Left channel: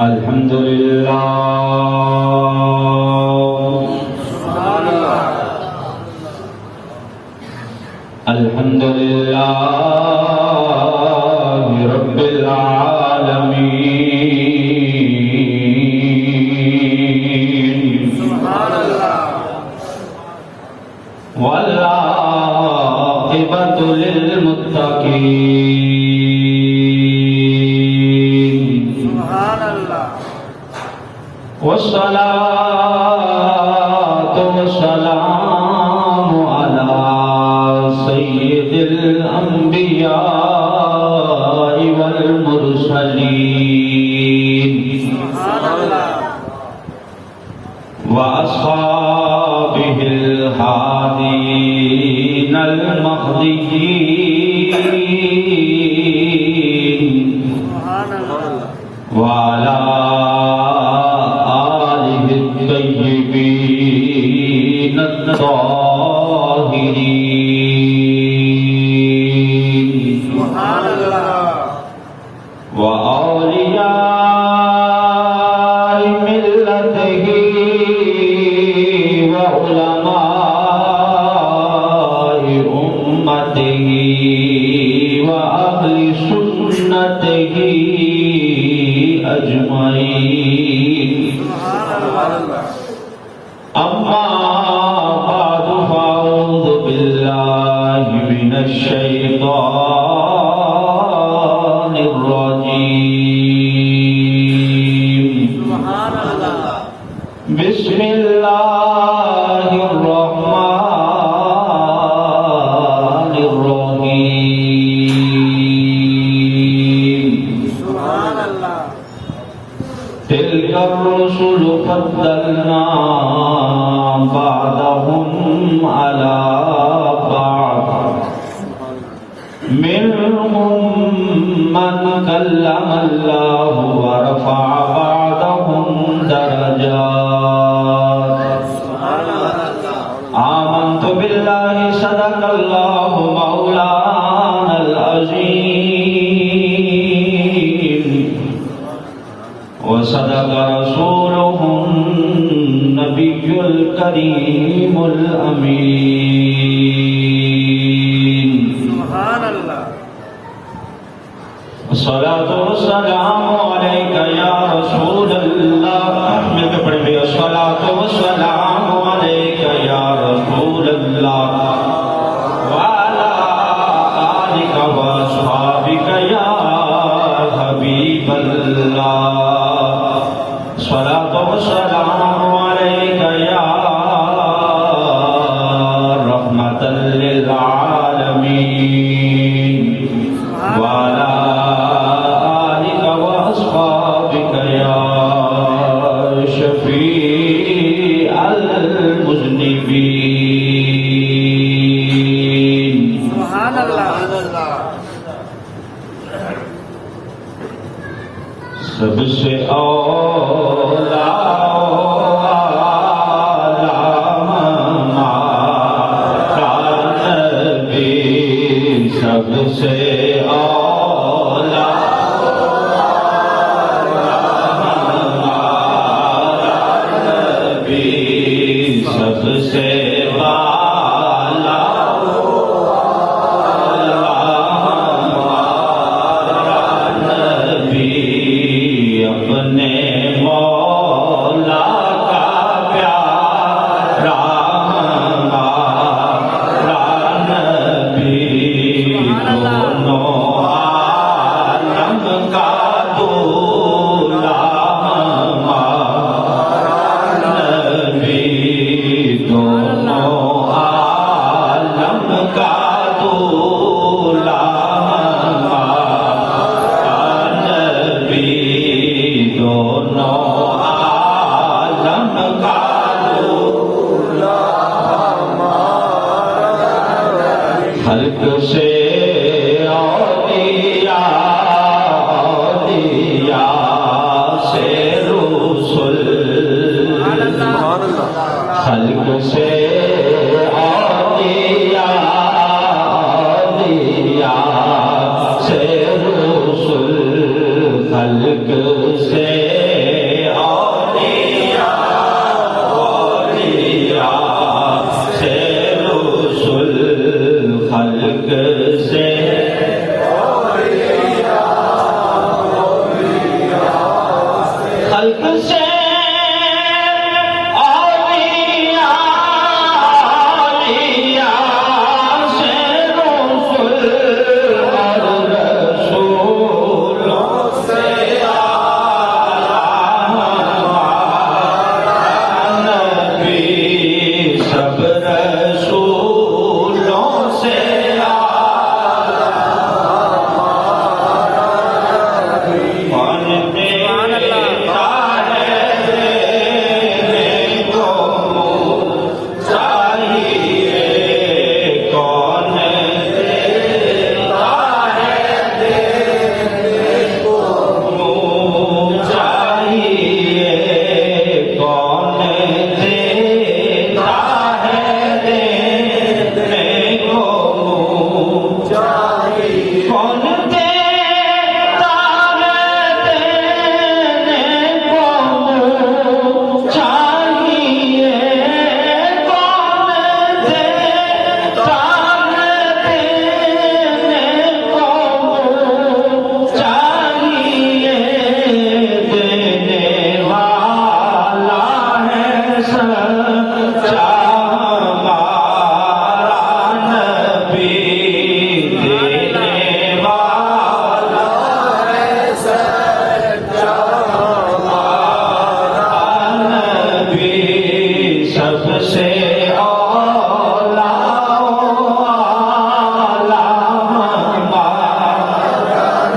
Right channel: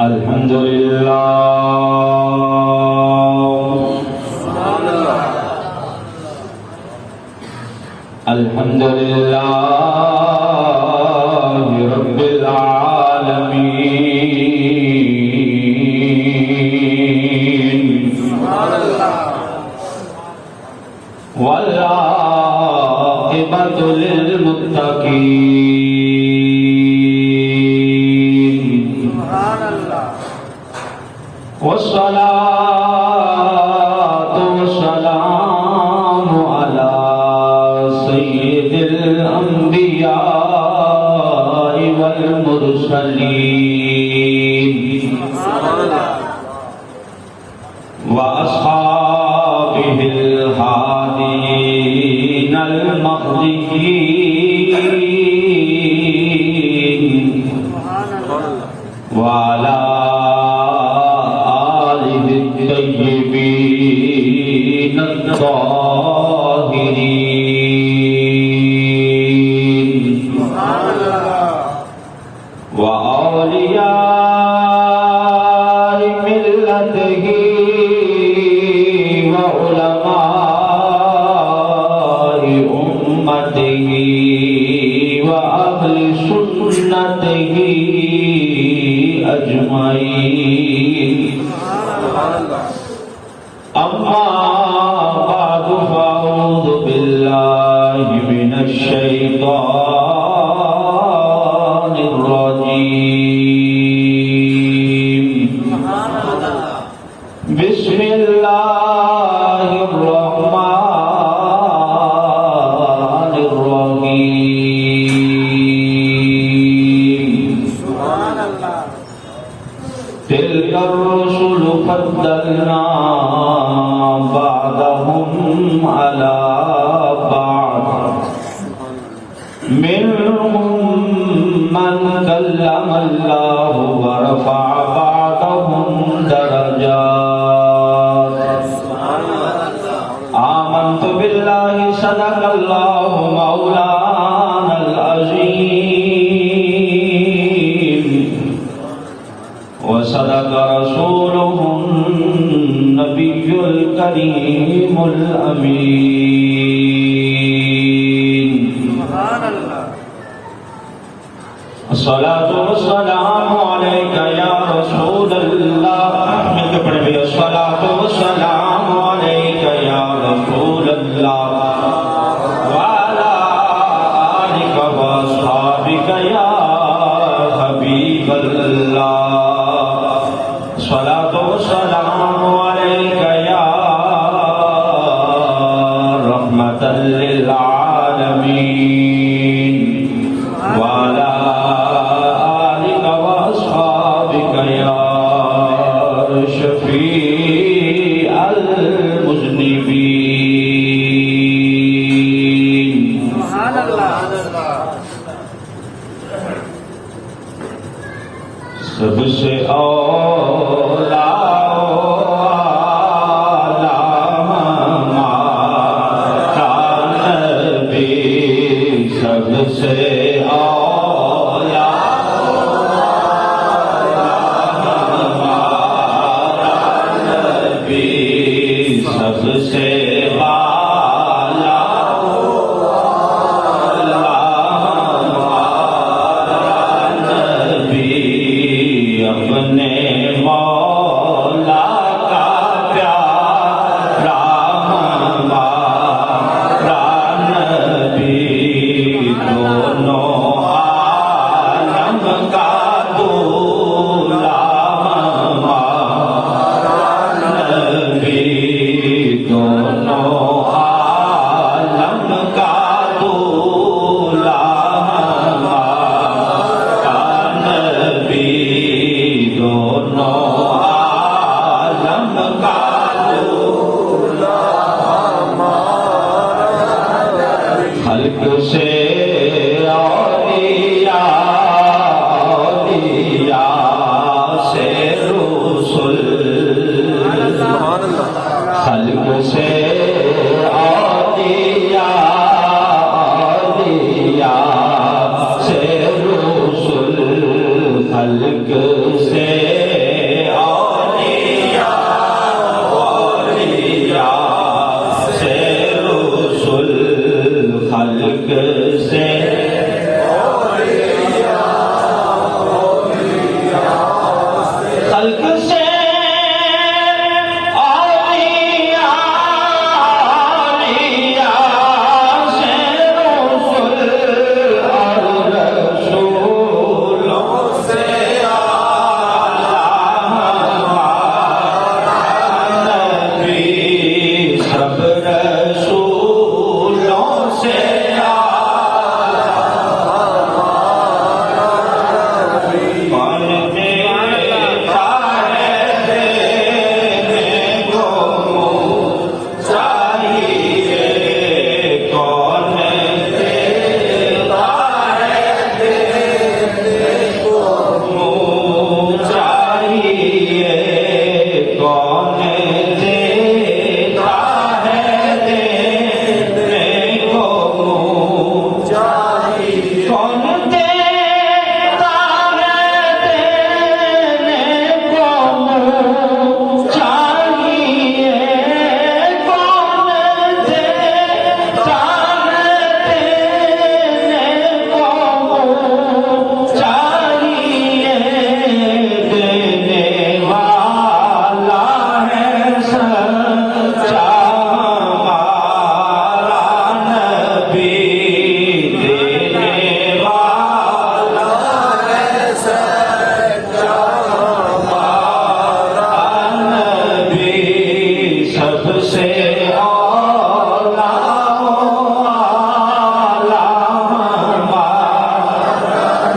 الحمد للہ الحمد للہ رب العالمین والعاقبۃ للمتقین والصلاة والسلام على سید الانبیاء والمرسلین واصحابہ الہادین المہدیین وعلى الطيبين الطاهرين وأولياء ملته وعلماء أمته وأهل سنته أجمعين أما بعد فأعوذ بالله من الشيطان الرجيم بسم الله الرحمن الرحيم تلك الرسل فضلنا بعضهم على بعض منهم من كلم الله ورفع بعضهم درجات آمنت بالله صدق الله مولانا العظيم وصدق رسوله النبي الكريم الأمين الصلاة والسلام عليك يا رسول الله الصلاة والسلام عليك يا رسول الله وعلى آلك وأصحابك يا حبيب الله الصلاة والسلام عليك يا رحمة للعالمين وعلى آلك وأصحابك يا شفيع المذنبين سب سے اولا سب سے اولا نبی سب سے اپنے مولا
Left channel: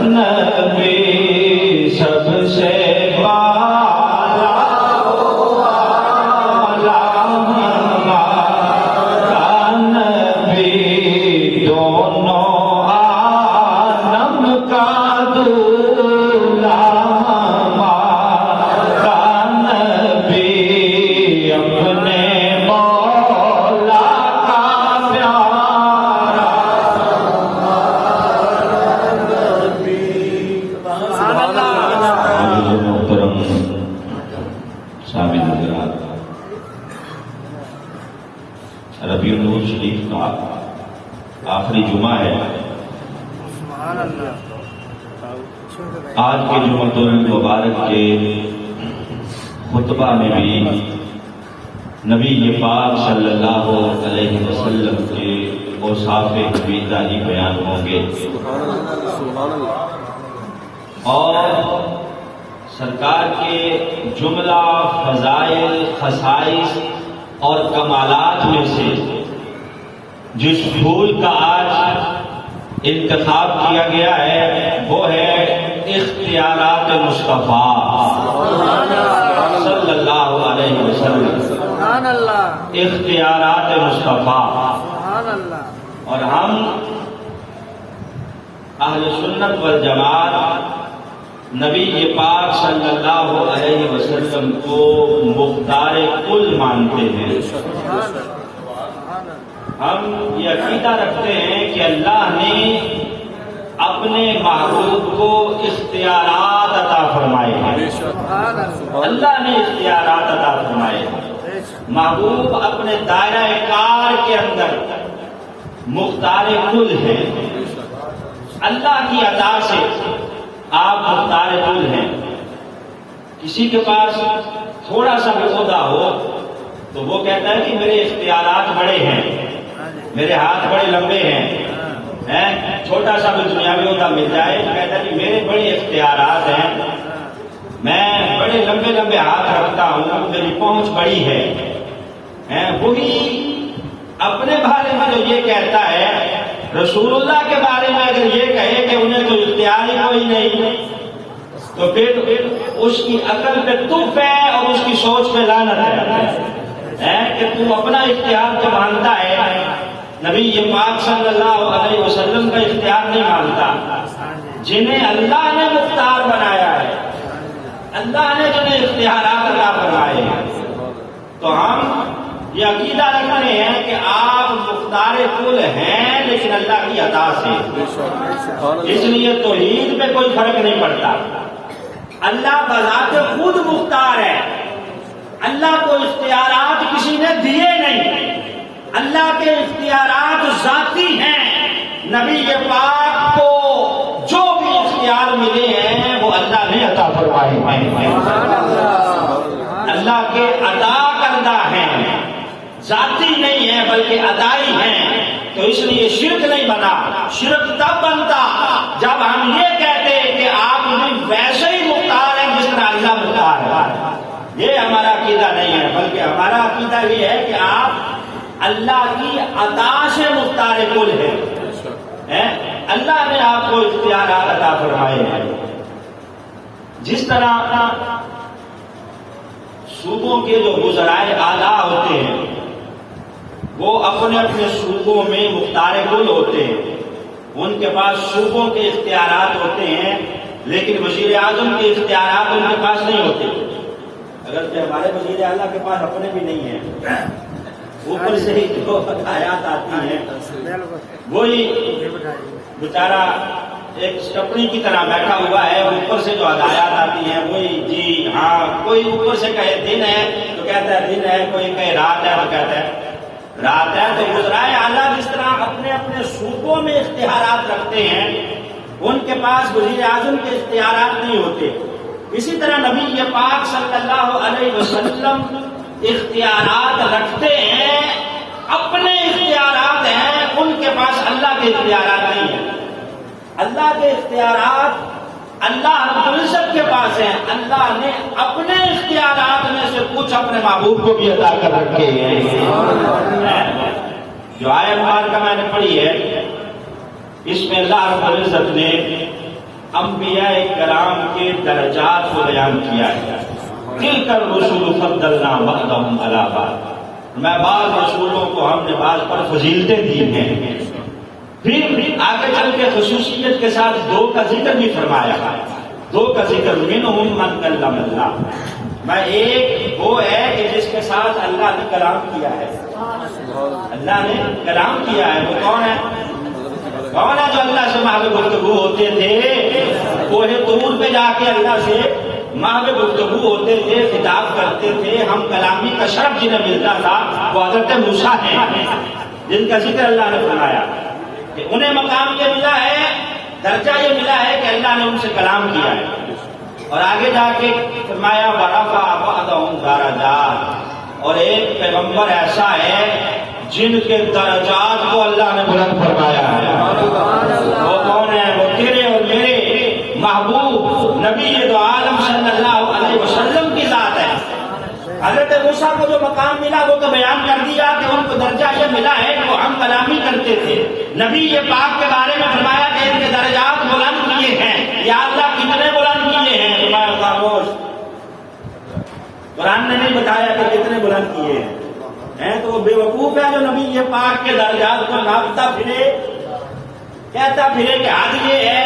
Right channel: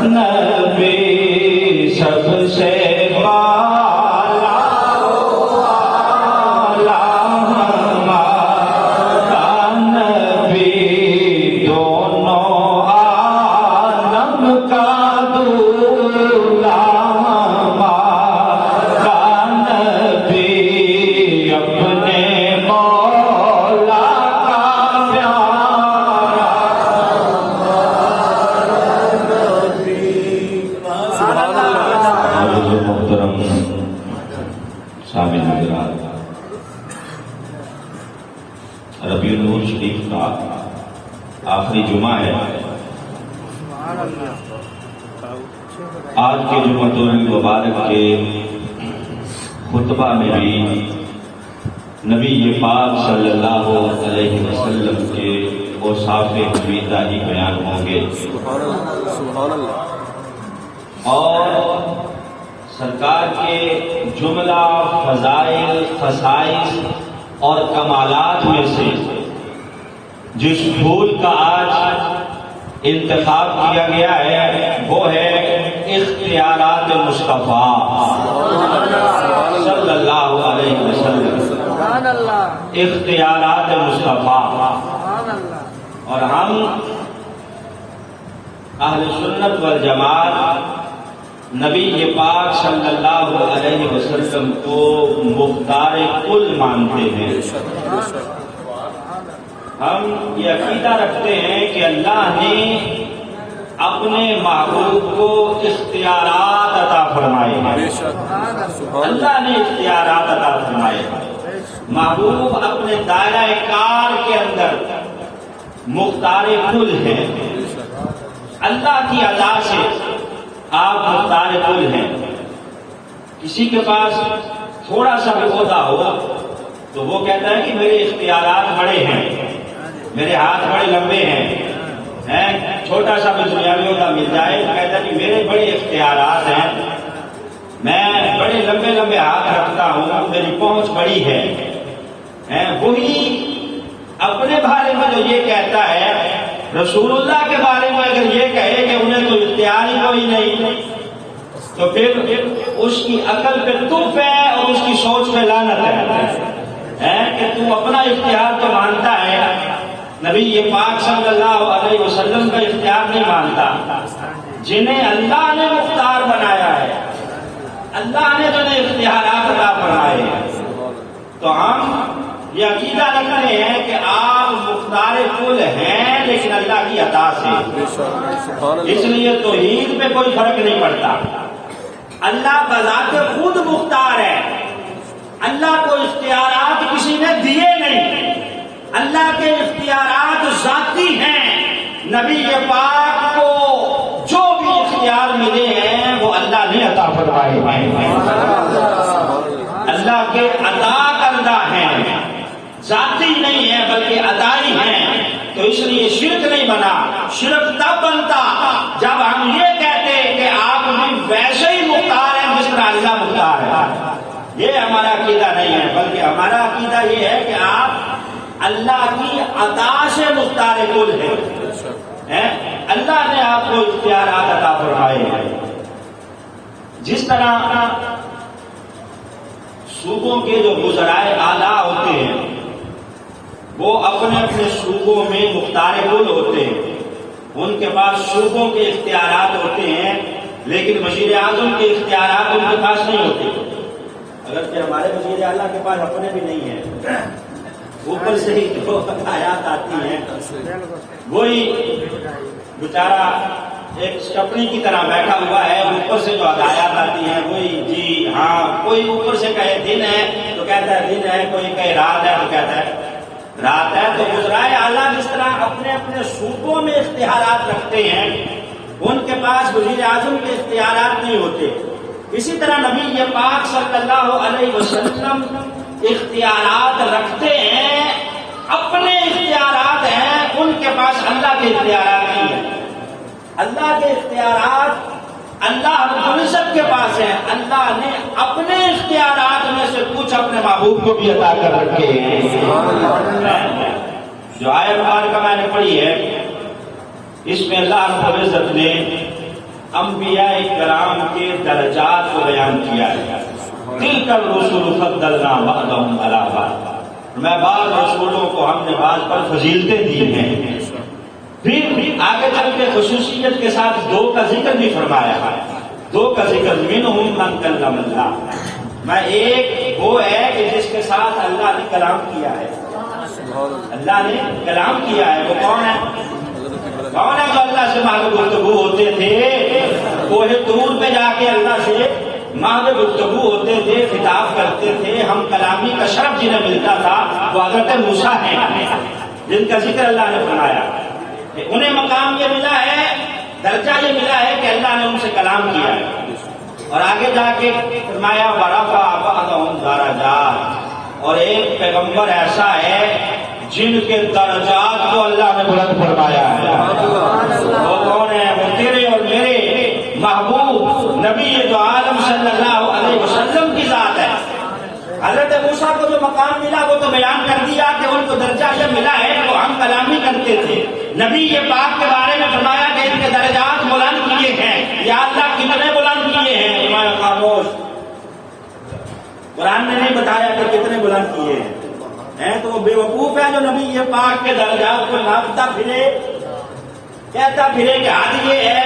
نبی سب سے والا ہمارا نبی، دونوں عالم کا دولہا ہمارا نبی، اپنے مولا کا پیارا محترم سامعین حضرات، ربیع الاول شریف کا آخری جمعہ ہے۔ آج کے جمعۃ المبارک کے خطبہ میں بھی نبی پاک صلی اللہ علیہ وسلم کے اوصاف حمیدہ ہی بیان ہوں گے، اور سرکار کے جملہ فضائل، خصائص اور کمالات میں سے جس پھول کا آج انتخاب کیا گیا ہے وہ ہے اختیارات مصطفیٰ صلی اللہ علیہ وسلم، اختیارات مصطفیٰ۔ اور ہم اہل سنت والجماعت نبی پاک صلی اللہ علیہ وسلم کو مختار کل مانتے ہیں۔ ہم یہ عقیدہ رکھتے ہیں کہ اللہ نے اپنے محبوب کو اختیارات عطا فرمائے ہیں، اللہ نے اختیارات عطا فرمائے ہیں۔ محبوب اپنے دائرہ کار کے اندر مختار کل ہیں، اللہ کی عطا سے آپ مختار کل ہیں۔ کسی کے پاس تھوڑا سا بھی عہدہ ہو تو وہ کہتا ہے کہ میرے اختیارات بڑے ہیں، میرے ہاتھ بڑے لمبے ہیں۔ چھوٹا سا بھی دنیاوی عہدہ مل جائے تو کہتا ہے کہ میرے بڑے اختیارات ہیں، میں بڑے لمبے لمبے ہاتھ رکھتا ہوں، میری پہنچ بڑی ہے۔ وہی اپنے بارے میں جو یہ کہتا ہے، رسول اللہ کے بارے میں اگر یہ کہے کہ انہیں تو اختیار ہی کوئی نہیں، تو پھر اس کی عقل پہ تف ہے اور اس کی سوچ پہ لعنت ہے کہ تو اپنا اختیار تو مانتا ہے، نبی پاک صلی اللہ علیہ وسلم کا اختیار نہیں مانتا۔ جنہیں اللہ نے مختار بنایا ہے، اللہ نے جنہیں اختیارات عطا فرمائے ہیں، تو ہم یہ عقیدہ رکھتے ہیں کہ آپ مختار کل ہیں لیکن اللہ کی عطا سے، اس لیے توحید میں کوئی فرق نہیں پڑتا۔ اللہ بذات خود مختار ہے، اللہ کو اختیارات کسی نے دیے نہیں، اللہ کے اختیارات ذاتی ہیں۔ نبی پاک کو جو بھی اختیار ملے ہیں وہ اللہ نے عطا فرمائے ہیں، اللہ کے عطا کردہ ہیں، ذاتی نہیں ہے بلکہ عطائی ہیں۔ تو اس لیے شرک نہیں بنا۔ شرک تب بنتا جب ہم یہ کہتے کہ آپ بھی ویسے ہی مختار ہیں جس طرح اللہ مختار ہے۔ یہ ہمارا عقیدہ نہیں ہے، بلکہ ہمارا عقیدہ یہ ہے کہ آپ اللہ کی عطا سے مختار کل ہیں، اللہ نے آپ کو اختیارات عطا فرمائے ہیں۔ جس طرح صوبوں کے جو وزرائے اعلیٰ ہوتے ہیں وہ اپنے اپنے صوبوں میں مختار کل ہوتے ہیں، ان کے پاس صوبوں کے اختیارات ہوتے ہیں لیکن وزیر اعظم کے اختیارات ان کے پاس نہیں ہوتے۔ اگرچہ ہمارے وزیر اعلیٰ کے پاس اپنے بھی نہیں ہیں، اوپر سے ہی جو آیات آتی ہیں وہی بیچارہ ایک سٹپنی کی طرح بیٹھا ہوا ہے، اوپر سے جو ہدایات آتی ہیں وہی جی ہاں، کوئی اوپر سے کہے دن ہے تو کہتا ہے دن ہے، کوئی کہے رات ہے تو کہتا ہے رات ہے۔ تو وزرائے اعلیٰ جس طرح اپنے اپنے صوبوں میں اختیارات رکھتے ہیں، ان کے پاس وزیر اعظم کے اختیارات نہیں ہوتے، اسی طرح نبی پاک صلی اللہ علیہ وسلم اختیارات رکھتے ہیں، اپنے اختیارات ہیں، ان کے پاس اللہ کے اختیارات نہیں ہیں۔ اللہ کے اختیارات اللہ رب العزت کے پاس ہیں، اللہ نے اپنے اختیارات میں سے کچھ اپنے محبوب کو بھی عطا کر رکھے ہیں۔ جو آیت مبارکہ میں نے پڑھی ہے اس میں اللہ رب العزت نے انبیاء کرام کے درجات کو بیان کیا ہے. تلک الرسل فضلنا بعضهم علی بعض، میں بعض رسولوں کو ہم نے بعض پر فضیلتیں دی ہیں. پھر آگے چل کے خصوصیت کے ساتھ دو کا ذکر بھی فرمایا ہے. دو کا ذکر منہم من کلم اللہ، میں ایک وہ ہے کہ جس کے ساتھ اللہ نے کلام کیا ہے. اللہ نے کلام کیا ہے، وہ کون ہے؟ کون ہے جو اللہ سے ماہ گفتگو ہوتے تھے؟ کوہ طور پہ جا کے اللہ سے ماہ گفتگو ہوتے تھے، خطاب کرتے تھے. ہم کلامی کا شرف جنہیں ملتا تھا وہ حضرت موسیٰ ہیں، جن کا ذکر اللہ نے فرمایا کہ انہیں مقام یہ ملا ہے، درجہ یہ ملا ہے کہ اللہ نے ان سے کلام کیا ہے. اور آگے جا کے فرمایا ورفع بعضهم درجات، اور ایک پیغمبر ایسا ہے جن کے درجات کو اللہ نے بلند فرمایا ہے. وہ کون ہے؟ وہ تیرے اور میرے محبوب نبی دو عالم صلی اللہ علیہ وسلم کی ذات ہے. حضرت موسیٰ کو جو مقام ملا وہ تو بیان کر دیا کہ ان کو درجہ یہ ملا ہے کہ وہ ہم کلامی کرتے تھے. نبی یہ پاک کے بارے میں فرمایا کہ ان کے درجات بلند کیے ہیں. یا اللہ کتنے بلند کیے ہیں؟ فرمایا خاموش، قرآن نے نہیں بتایا کہ کتنے بلند کیے ہیں. تو وہ بے وقوف ہے جو نبی یہ پاک کے درجات کو ناپتا پھرے، کہتا پھرے کہ حد یہ ہے،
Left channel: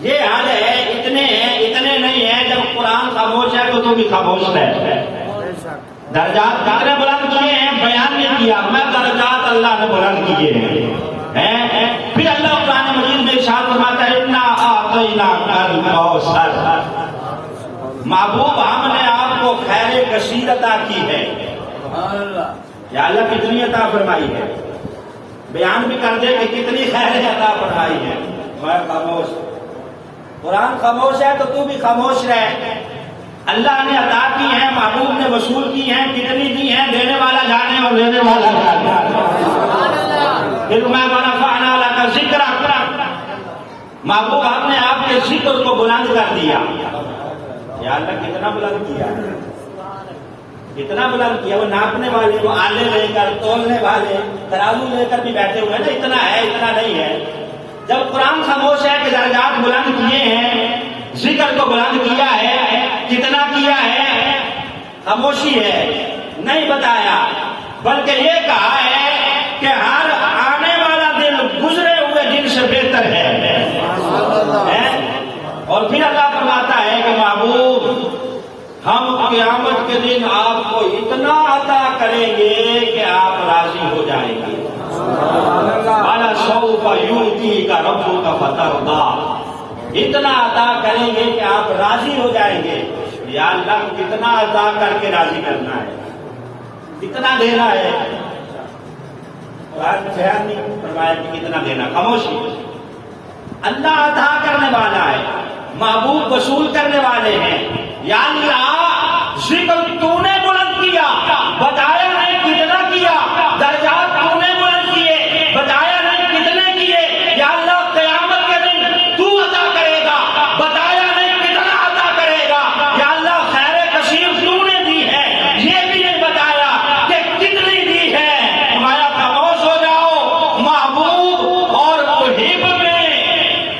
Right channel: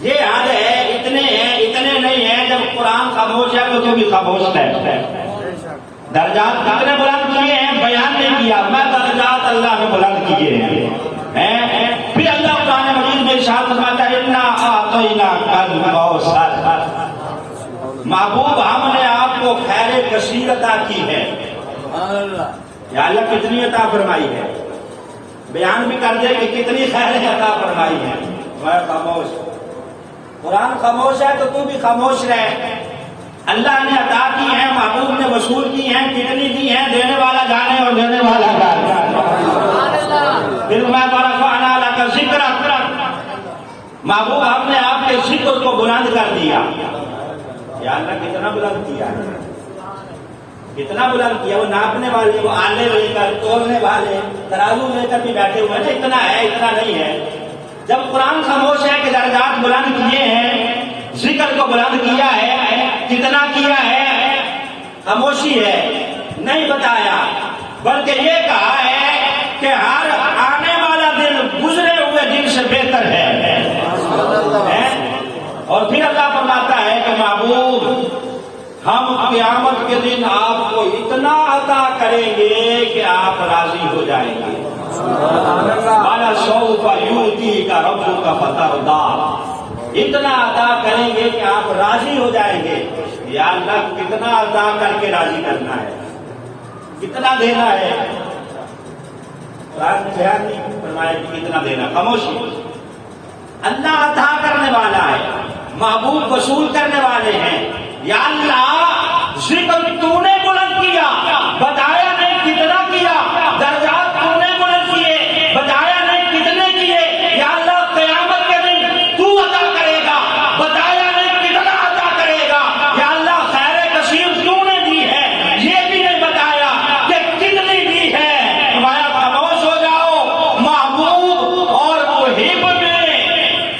یہ حد ہے، اتنے ہیں، اتنے نہیں ہیں. جب قرآن خاموش ہے تو بھی خاموش ہے. درجات کتنے بلند کیے ہیں بیان نہیں کیا. میں درجات اللہ نے بلند کیے ہیں. پھر اللہ قرآن مجید میں ارشاد فرماتا ہے انا اعطیناک الکوثر، محبوب ہم نے آپ کو خیر کثیر عطا کی ہے. یا اللہ کتنی عطا فرمائی ہے، بیان بھی کر دے کہ کتنی خیر عطا فرمائی ہے. میں خاموش، قرآن خاموش ہے تو بھی خاموش رہے. اللہ نے عطا کی ہیں، محبوب نے وصول کی ہیں، کتنی دی ہیں دینے والا جانے اور دینے والا جانے. پھر میں ورفعنا لک ذکرک، محبوب ہم نے آپ کے ذکر کو بلند کر دیا. یا اللہ کتنا بلند کیا ہے، کتنا بلند کیا. وہ ناپنے والے، وہ آنے لے کر، تولنے والے ترازو لے کر بھی بیٹھے ہوئے نا، اتنا ہے اتنا نہیں ہے. جب قرآن خاموش ہے کہ درجات بلند کیے ہیں، ذکر کو بلند کیا ہے، کتنا کیا ہے، خاموشی ہے، نہیں بتایا. بلکہ یہ کہا ہے کہ ہر آنے والا دن گزرے ہوئے دن سے بہتر ہے. اور پھر اللہ فرماتا ہے کہ محبوب ہم قیامت کے دن آپ کو اتنا عطا کریں گے کہ آپ راضی ہو جائیں گے. وَلَسَوْفَ يُؤْتِيكَ رَبُّكَ فَتَرْضَىٰ، اتنا عطا کریں گے کہ آپ راضی ہو جائیں گے. یا اللہ کتنا عطا کر کے راضی کرنا ہے، کتنا دینا ہے. قرآن نے بیان نہیں فرمایا کہ کتنا دینا. خاموشی. اللہ عطا کرنے والا ہے، محبوب وصول کرنے والے ہیں. یا اللہ ذکر تو نے بلند کیا، بتایا نہیں کتنا کیا. درجات تو نے بلند کیے، بتایا نہیں کتنے کیے. یا اللہ قیامت کے دن تو عطا کرے گا، بتایا نہیں کتنا عطا کرے گا. یا اللہ خیر کثیر تو نے دی ہے، یہ بھی نہیں بتایا کہ کتنی دی ہے. ہمارا خاموش ہو جاؤ. محبوب اور محب میں،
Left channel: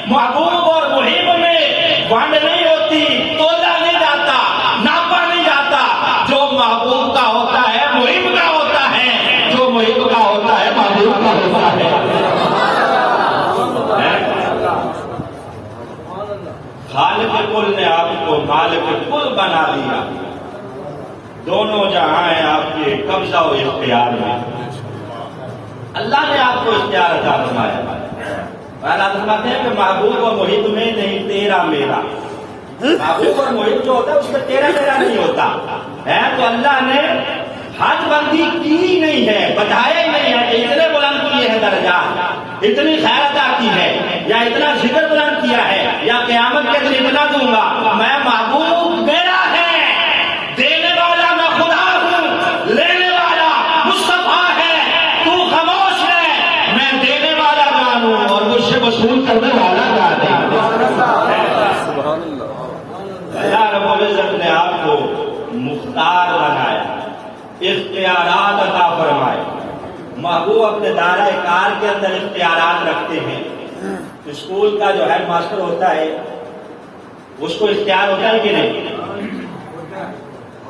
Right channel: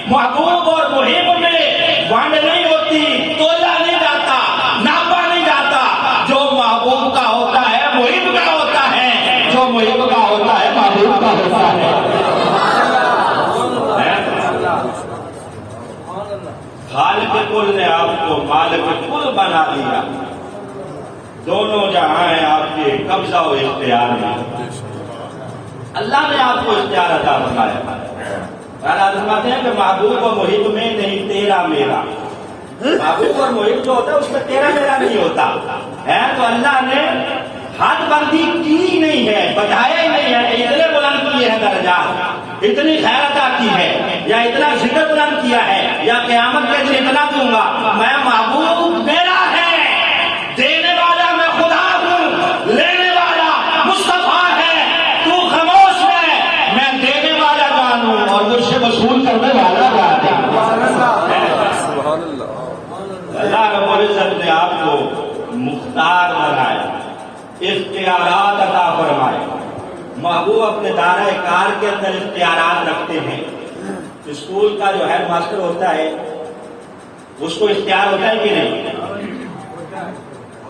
محبوب اور محب میں وانڈ نہیں ہوتی، تولا نہیں جاتا، ناپا نہیں جاتا. جو محبوب کا ہوتا ہے محب کا ہوتا ہے، جو محب کا ہوتا ہے محبوب کا ہوتا ہے. خالق کل نے آپ کو مالک کل بنا دیا. دونوں جہاں ہیں آپ کے قبضہ و اختیار میں. اللہ نے آپ کو اختیار عطا فرمایا. فرماتے ہیں کہ محبوب اور محب میں نہیں تیرا میرا. محبوب اور محب جو ہوتا ہے اس میں تیرا میرا نہیں ہوتا ہے. تو اللہ نے حد بندی کی نہیں ہے، بتایا ہی نہیں ہے کہ اتنے بلند کیے ہیں درجات، اتنی خیر عطا کی ہے، یا اتنا ذکر بلند کیا ہے، یا قیامت کے دن اتنا دوں گا. میں محبوب میرا ہے، دینے والا میں خدا ہوں، لینے والا مصطفیٰ ہے. تو خاموش ہے، میں دینے والا جانوں اور مجھ سے وصول کرنے والا جانے. سبحان اللہ. اللہ رب العزت نے آپ کو مختار بنایا، اختیارات عطا فرمائے. محبوب اپنے دائرہ کار کے اندر اختیارات رکھتے ہیں. اسکول کا جو ہیڈ ماسٹر ہوتا ہے اس کو اختیار ہوتا ہے کہ نہیں؟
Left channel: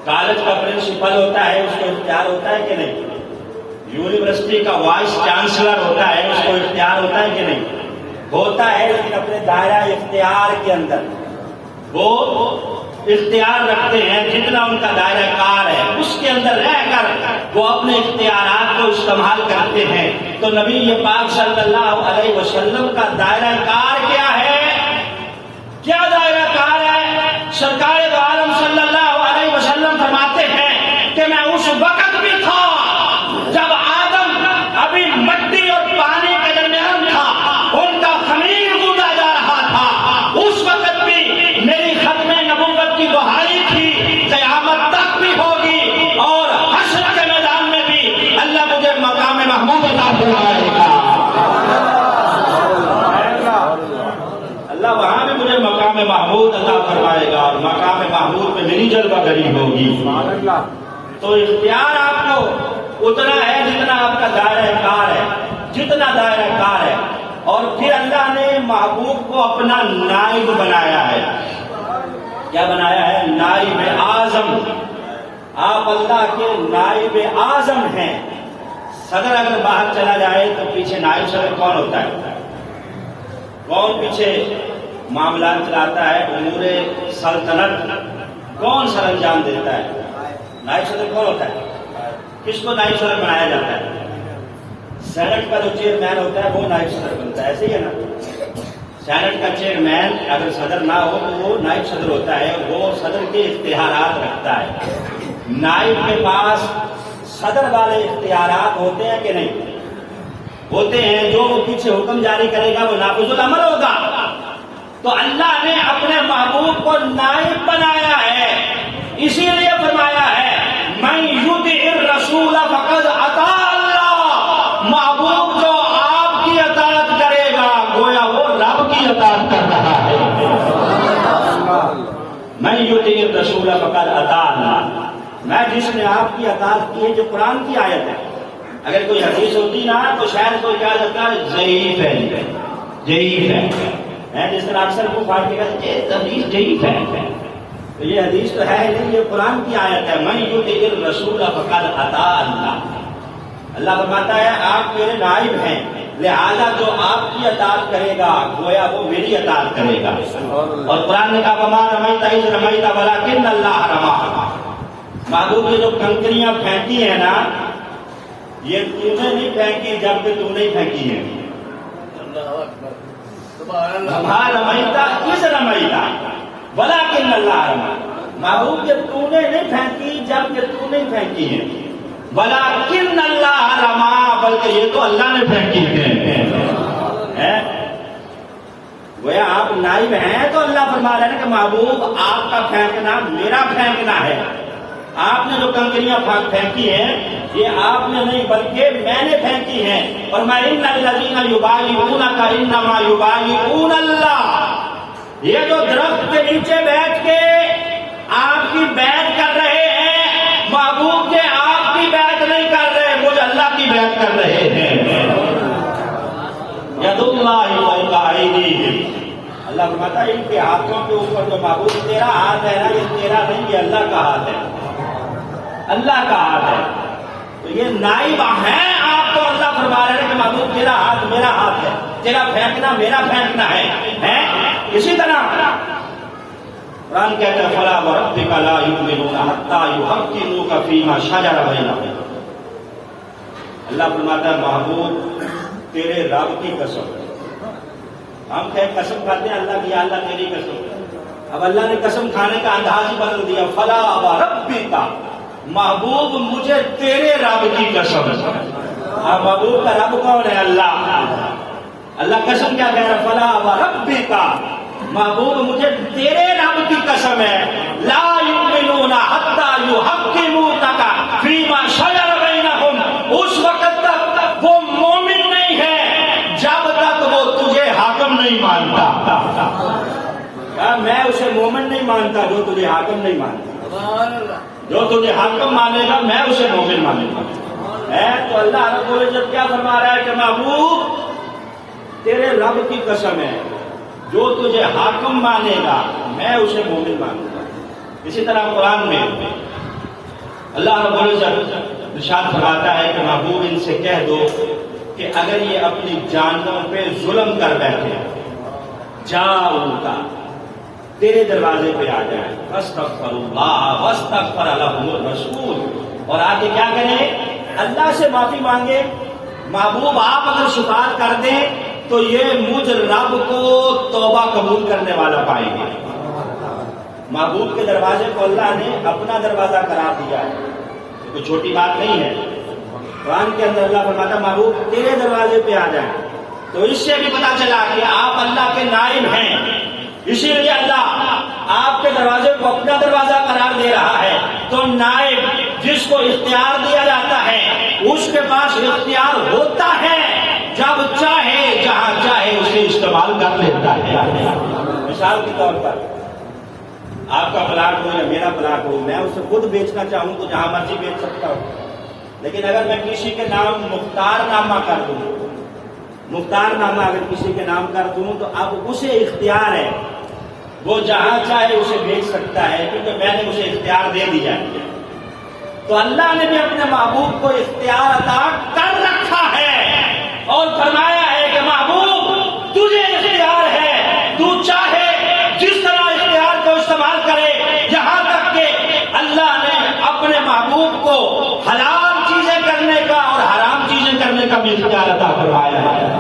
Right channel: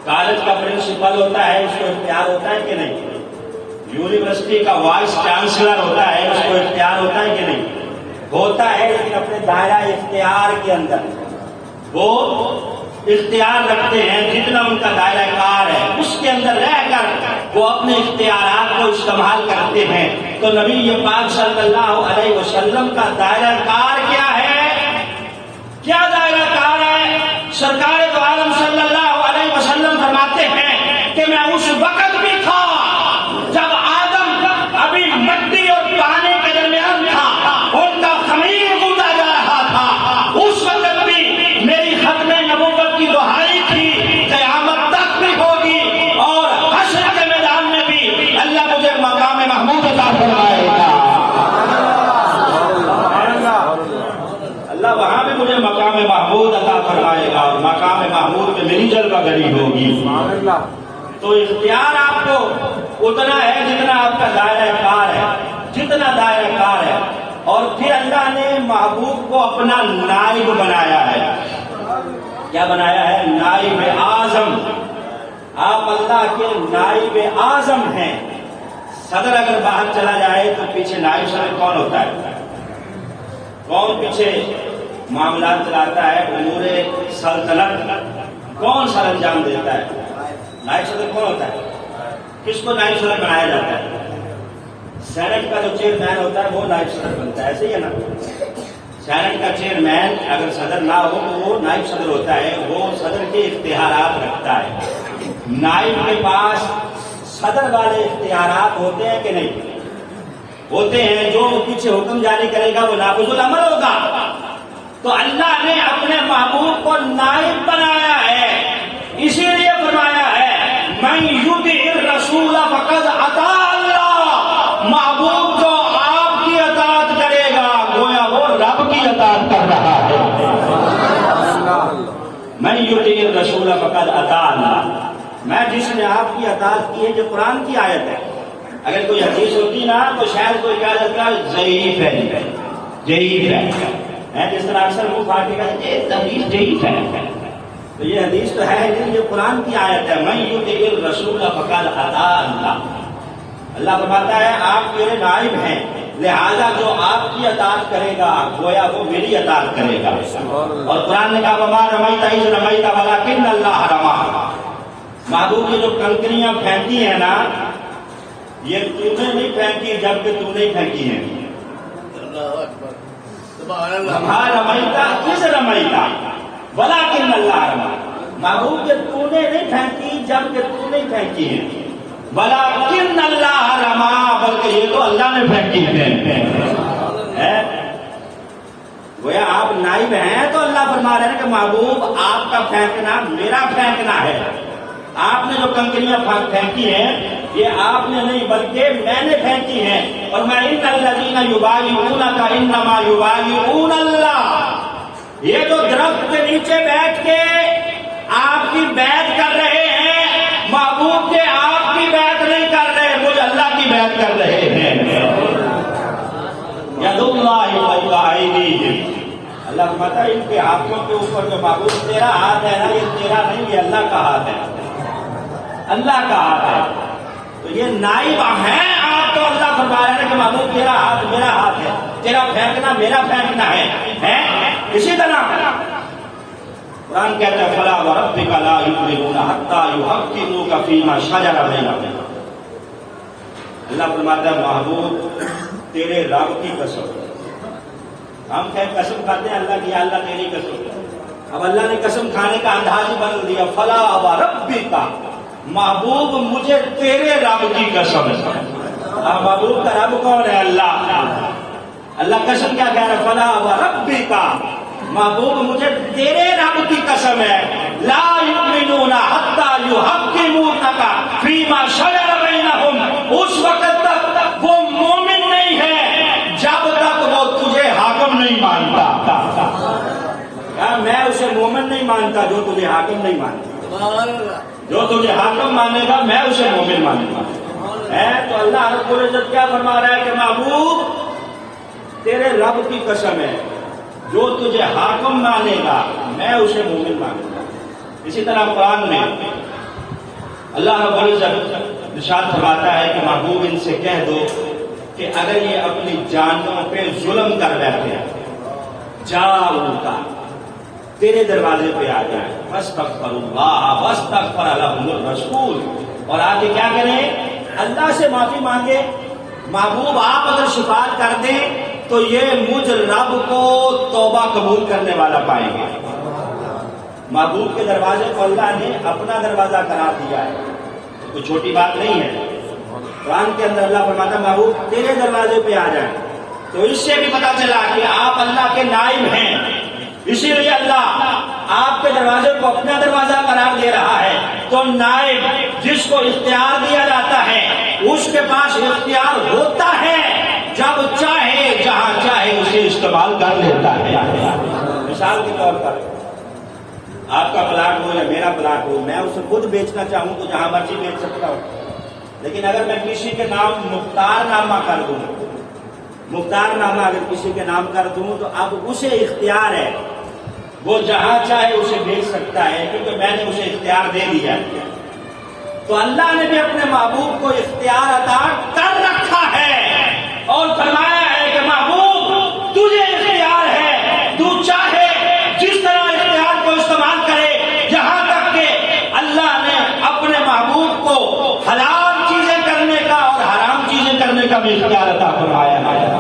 کالج کا پرنسپل ہوتا ہے اس کو اختیار ہوتا ہے کہ نہیں؟ یونیورسٹی کا وائس چانسلر ہوتا ہے اس کو اختیار ہوتا ہے کہ نہیں؟ ہوتا ہے، لیکن اپنے دائرہ اختیار کے اندر وہ اختیار رکھتے ہیں، جتنا ان کا دائرہ کار ہے اس کے اندر رہ کر وہ اپنے اختیارات کو استعمال کرتے ہیں۔ تو نبی پاک صلی اللہ علیہ وسلم کا دائرہ کار کیا ہے؟ کیا دائرہ کار ہے؟ سرکار دو عالم صلی اللہ علیہ وسلم فرماتے ہیں کہ میں اس وقت بھی تھا جب آدم ابھی مٹی اور پانی کے درمیان تھا، ان کا خمیر گوندا جا رہا تھا، اس وقت بھی میری ختم نبوت کی دہائی تھی، قیامت تک بھی ہوگی، اور حشر کے میدان میں بھی اللہ مجھے مقام محمود عطا فرمائے گا۔ اللہ وہاں بھی مجھے مقام محمود عطا فرمائے گا، اور مقام محمود میں میری جلوہ گری ہوگی۔ تو اختیار آپ کو اتنا ہے جتنا آپ کا دائرہ کار ہے، جتنا دائرہ کار ہے۔ اور پھر اللہ نے محبوب کو اپنا نائب بنایا ہے۔ کیا بنایا ہے؟ نائب اعظم۔ آپ اللہ کے نائب اعظم ہیں۔ صدر اگر باہر چلا جائے تو پیچھے نائب صدر کون ہوتا ہے؟ کون پیچھے معاملات چلاتا ہے؟ امور سلطنت کون سر انجام دیتا ہے؟ نائب صدر کون ہوتا ہے؟ کس کو نائب صدر بنایا جاتا ہے؟ سینٹ کا جو چیئرمین ہوتا ہے وہ نائب صدر بنتا ہے، ایسے ہی ہے نا؟ سینٹ کا چیئرمین اگر صدر نہ ہو تو وہ نائب صدر ہوتا ہے، وہ صدر کے اختیارات رکھتا ہے۔ نائب کے پاس صدر والے اختیارات ہوتے ہیں کہ نہیں؟ ہوتے ہیں۔ جو پیچھے حکم جاری کرے گا وہ نافذ العمل ہوگا۔ تو اللہ نے اپنے محبوب کو نائب بنایا ہے، اسی لیے فرمایا ہے من یطع الرسول فقد اطاع اللہ۔ محبوب جو آپ کی اطاعت کرے گا گویا وہ رب کی اطاعت کر رہا ہے۔ من یطع الرسول فقد اطاع اللہ۔ میں جس نے آپ کی اطاعت کی ہے، جو قرآن کی آیت ہے، اگر کوئی حدیث ہوتی نا تو شاید کوئی کیا لگتا ہے ضعیف ہے، ضعیف ہے، جس طرح اکثر وہ پارٹی کا حدیث ضعیف ہے، تو یہ حدیث تو ہے نہیں، یہ قرآن کی آیت ہے۔ من یطع الرسول فقد اطاع اللہ۔ اللہ فرماتا ہے آپ میرے نائب ہیں، لہذا جو آپ کی اطاعت کرے گا گویا وہ میری اطاعت کرے گا۔ اور قرآن نے کہا وما رمیت اذ رمیت ولکن اللہ رمی۔ محبوب یہ جو کنکریاں پھینکی ہیں نا، یہ تو نے نہیں پھینکی جبکہ تو نہیں پھینکی ہیں۔ وما رمیت اذ رمیت ولکن اللہ رمی۔ محبوب یہ تو نے نہیں پھینکی جبکہ تو نہیں پھینکی ہیں، ولیکن اللہ رما، بلکہ یہ تو اللہ نے پھینکی ہے۔ گویا آپ نائب ہیں تو اللہ فرما رہے ہیں کہ محبوب آپ کا پھینکنا میرا پھینکنا ہے۔ آپ نے جو کنکریاں پھینکی ہیں یہ آپ نے نہیں بلکہ میں نے پھینکی ہیں۔ اور میں ان الذین یبایعونک انما یبایعون اللہ، یہ جو درخت کے نیچے بیٹھ کے آپ کی بیعت کر رہے ہیں، محبوب کے آپ کی بیعت نہیں کر رہے، مجھے اللہ کی بیعت کر رہے ہیں۔ ید اللہ فوق ایدیہم، اللہ فرماتا ہے ان کے ہاتھوں کے اوپر جو محبوب تیرا ہاتھ ہے نا، یہ تیرا نہیں، یہ اللہ کا ہاتھ ہے، اللہ کا ہاتھ ہے۔ تو یہ نائب ہیں آپ، تو اللہ فرما رہے ہیں کہ محبوب تیرا ہاتھ میرا ہاتھ ہے، تیرا پھینکنا میرا پھینکنا ہے۔ اسی طرح قرآن کہتا ہے فلا وربک لا یؤمنون حتی یحکموک فیما شجر بینہم۔ اللہ فرماتا ہے محبوب تیرے رب کی قسم، ہم قسم کھاتے ہیں اللہ کی، یا اللہ تیری قسم۔ اب اللہ نے قسم کھانے کا انداز ہی بدل دیا، فلا وربک، محبوب مجھے تیرے رب کی قسم ہے۔ اب محبوب کا رب کون ہے؟ اللہ۔ اللہ قسم کیا کہہ رہا ہے؟ فلا وربک، محبوب مجھے تیرے رب کی قسم ہے، لا یؤمنون حتی یحکموک فیما شجر بینہم، اس وقت تک وہ مومن نہیں ہے جب تک وہ تجھے حاکم نہیں مانتا۔ میں اسے مومن نہیں مانتا جو تجھے حاکم نہیں مانتا، جو تجھے حاکم مانے گا میں اسے مومن مانوں گا۔ تو اللہ رب العزت کیا فرما رہا ہے کہ محبوب تیرے رب کی قسم ہے جو تجھے حاکم مانے گا میں اسے مومن مانوں گا. اسی طرح قرآن میں اللہ رب العزت ارشاد فرماتا ہے کہ محبوب ان سے کہہ دو کہ اگر یہ اپنی جانوں پہ ظلم کر بیٹھے جاؤ ان کا تیرے دروازے پہ آ جائیں واستغفر اللہ واستغفر لهم الرسول، اور آگے کیا کریں؟ اللہ سے معافی مانگے. محبوب آپ اگر شفاعت کر دیں تو یہ مجھ رب کو توبہ قبول کرنے والا پائیں گے. محبوب کے دروازے کو اللہ نے اپنا دروازہ قرار دیا ہے، کوئی چھوٹی بات نہیں ہے. قرآن کے اندر اللہ فرماتا محبوب تیرے دروازے پہ آ جائیں. تو اس سے بھی پتا چلا کہ آپ اللہ کے نائب ہیں، اسی لیے اللہ آپ کے دروازے کو اپنا دروازہ قرار دے رہا ہے. تو نائب جس کو اختیار دیا جاتا ہے اس کے پاس اختیار ہوتا ہے، جب چاہے جہاں چاہے اسے استعمال کر لیتا ہے. مثال کے طور پر آپ کا پلاٹ ہو یا میرا پلاٹ ہو، میں اسے خود بیچنا چاہوں تو جہاں مرضی بیچ سکتا ہوں. لیکن اگر میں کسی کے نام مختار نامہ کر دوں، مختار نامہ اگر کسی کے نام کر دوں تو اب اسے اختیار ہے، وہ جہاں چاہے اسے بیچ سکتا ہے کیونکہ میں نے اسے اختیار دے دیا ہے. تو اللہ نے بھی اپنے محبوب کو اختیار عطا کر رکھا ہے اور فرمایا ہے کہ محبوب تجھے اختیار ہے، تو چاہے جس طرح اختیار کو استعمال کرے. یہاں تک کہ اللہ نے اپنے محبوب کو حلال چیزیں کرنے کا اور حرام چیزیں کرنے کا بھی اختیار عطا فرمایا ہے.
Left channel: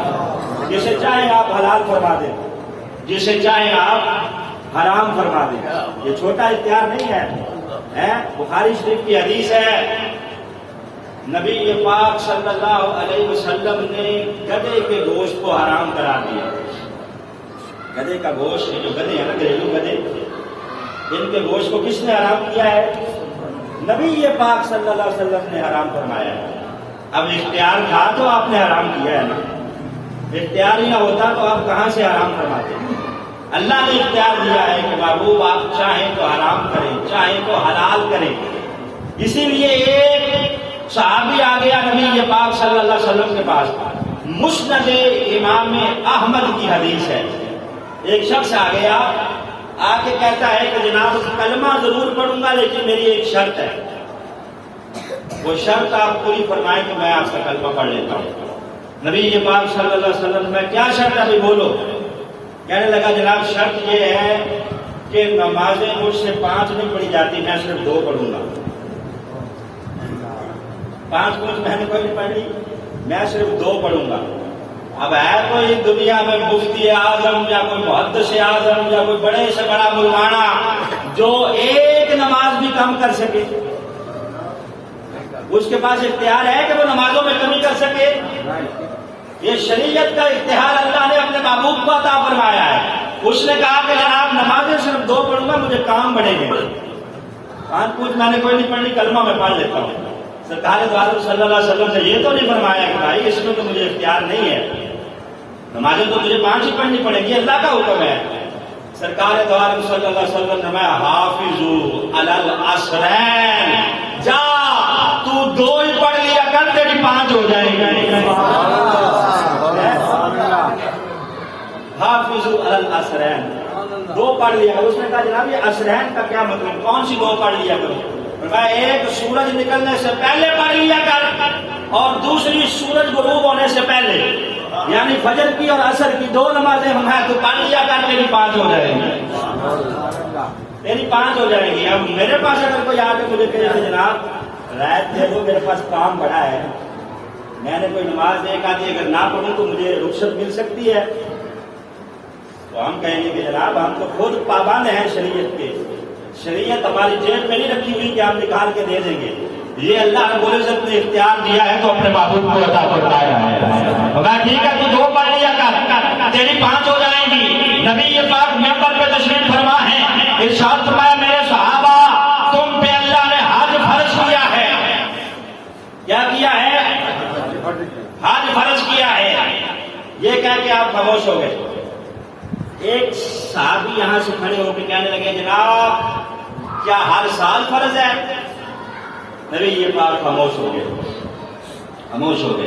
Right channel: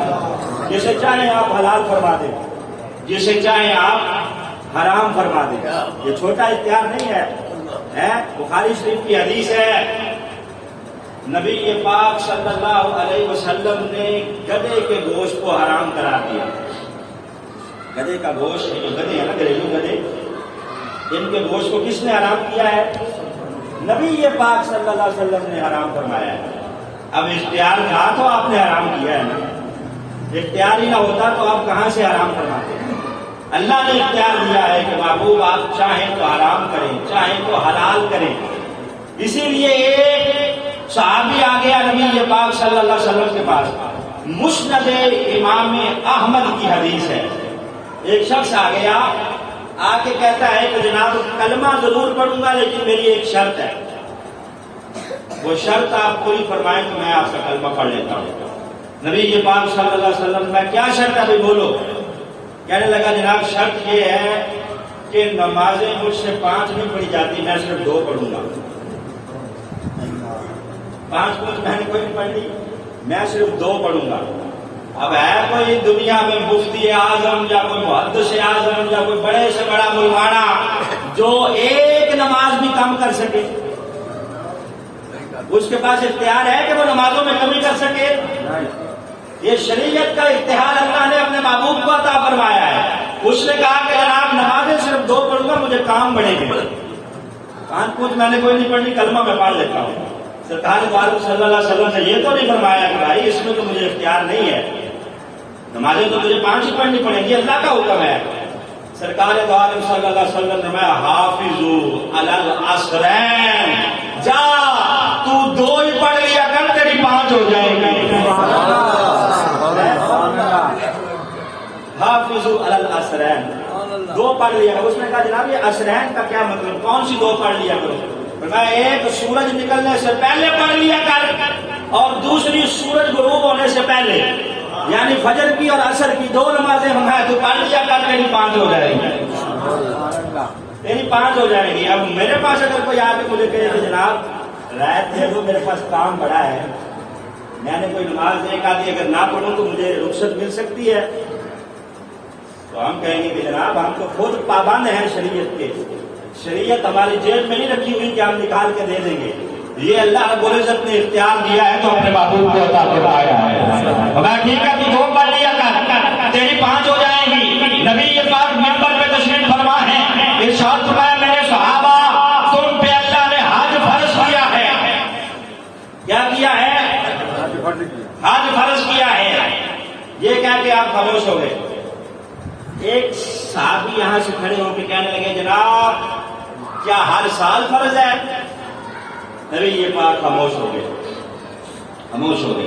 جسے چاہیں آپ حلال فرما دیں، جسے چاہیں آپ حرام فرما دیں. یہ چھوٹا اختیار نہیں ہے. بخاری شریف کی حدیث ہے، نبی پاک صلی اللہ علیہ وسلم نے گدھے کے گوشت کو حرام قرار دیا. گدھے کا گوشت، جو گدھے ہیں نا گھریلو گدھے، ان کے گوشت کو کس نے حرام کیا ہے؟ نبی پاک صلی اللہ علیہ وسلم نے حرام فرمایا ہے. اب اختیار تھا تو آپ نے حرام کیا ہے نا، اختیار ہی نہ ہوتا تو آپ کہاں سے حرام فرماتے؟ اللہ نے اختیار دیا ہے کہ محبوب آپ چاہیں تو حرام کریں، چاہیں تو حلال کریں. اسی لیے ایک صحابی آ گیا نبی پاک صلی اللہ علیہ وسلم کے پاس، مسند امام احمد کی حدیث ہے. ایک شخص آ گیا، آ کے کہتا ہے کہ جناب کلمہ ضرور پڑھوں گا لیکن میری ایک شرط ہے. وہ شرط آپ پوری فرمائیں تو میں آپ کا کلمہ پڑھ لیتا ہوں. نبی پاک صلی اللہ علیہ وسلم میں کیا شرط ہے بھائی بولو؟ کہنے لگا جناب شرط یہ ہے کہ نمازیں مجھ سے 5 نہیں پڑھی جاتی، میں صرف 2 پڑھوں گا. 5 میں نے کوئی نہیں پڑھ لی، میں صرف 2 پڑھوں گا. اب ہے کوئی دنیا میں مفتی اعظم یا کوئی محدث اعظم یا کوئی بڑے سے بڑا مولانا جو ایک نماز بھی کم کر سکے؟ اس کے پاس اختیار ہے کہ وہ نمازوں میں کمی کر سکے؟ یہ شریعت کا اختیار اللہ نے اپنے محبوب کو عطا فرمایا ہے. اس نے کہا کہ جناب نمازیں صرف 2 پڑھوں گا، مجھے کام بڑھیں گے. 5 میں نے کوئی نہیں پڑھنی، کلمہ میں پڑھ لیتا ہوں. سرکار دو عالم صلی اللہ علیہ وسلم نے یہ تو نہیں فرمایا کہ بھائی اس میں تو مجھے اختیار نہیں ہے، نمازیں تو تجھے 5 ہی پڑھنی پڑیں گی، اللہ کا حکم ہے. سرکار دو عالم صلی اللہ علیہ وسلم نے فرمایا حافظوا علی العصرین، جا تو 2 ہی پڑھ لیا کر، تیری 5 ہو جائیں گی. حافظوا علی العصرین، 2 پڑھ لیا. اس نے کہا جناب یہ عصرین کا کیا مطلب، کون سی 2 پڑھ لیا کرو؟ فرمایا ایک سورج نکلنے سے پہلے پڑھ لیا کر اور دوسری سورج غروب ہونے سے پہلے، یعنی فجر کی اور عصر کی 2 نمازیں ہمیں تو پڑھ لیا کر، تیری 5 ہو جائیں گی، تیری 5 ہو جائیں گی. اب میرے پاس اگر کوئی آ کے مجھے کہے کہ جناب رعایت دے دو، میرے پاس کام بڑا ہے، میں نے کوئی نماز ایک آدھی اگر نہ پڑھوں تو مجھے رخصت مل سکتی ہے، تو ہم کہیں گے کہ جناب ہم تو خود پابند ہیں شریعت کے، شریعت ہماری جیب میں نہیں رکھی ہوئی کہ ہم نکال کے دے دیں گے. یہ اللہ رب العزت نے اختیار دیا ہے تو اپنے محبوب کو عطا فرمایا ہے. میں ٹھیک ہے تو 2 پڑھ لیا کر، تیری 5 ہو جائیں گی. نبی پاک منبر پہ تشریف فرما ہے، ارشاد فرمایا میرے صحابہ تم پہ اللہ نے حج فرض کیا ہے. کیا کیا ہے؟ حج فرض کیا ہے. یہ کہہ کے آپ خاموش ہو گئے. ایک صحابی یہاں سے کھڑے ہو کے کہنے لگے جناب کیا ہر سال فرض ہے؟ نبی یہ بات خاموش ہو گئے، خاموش ہو گئے.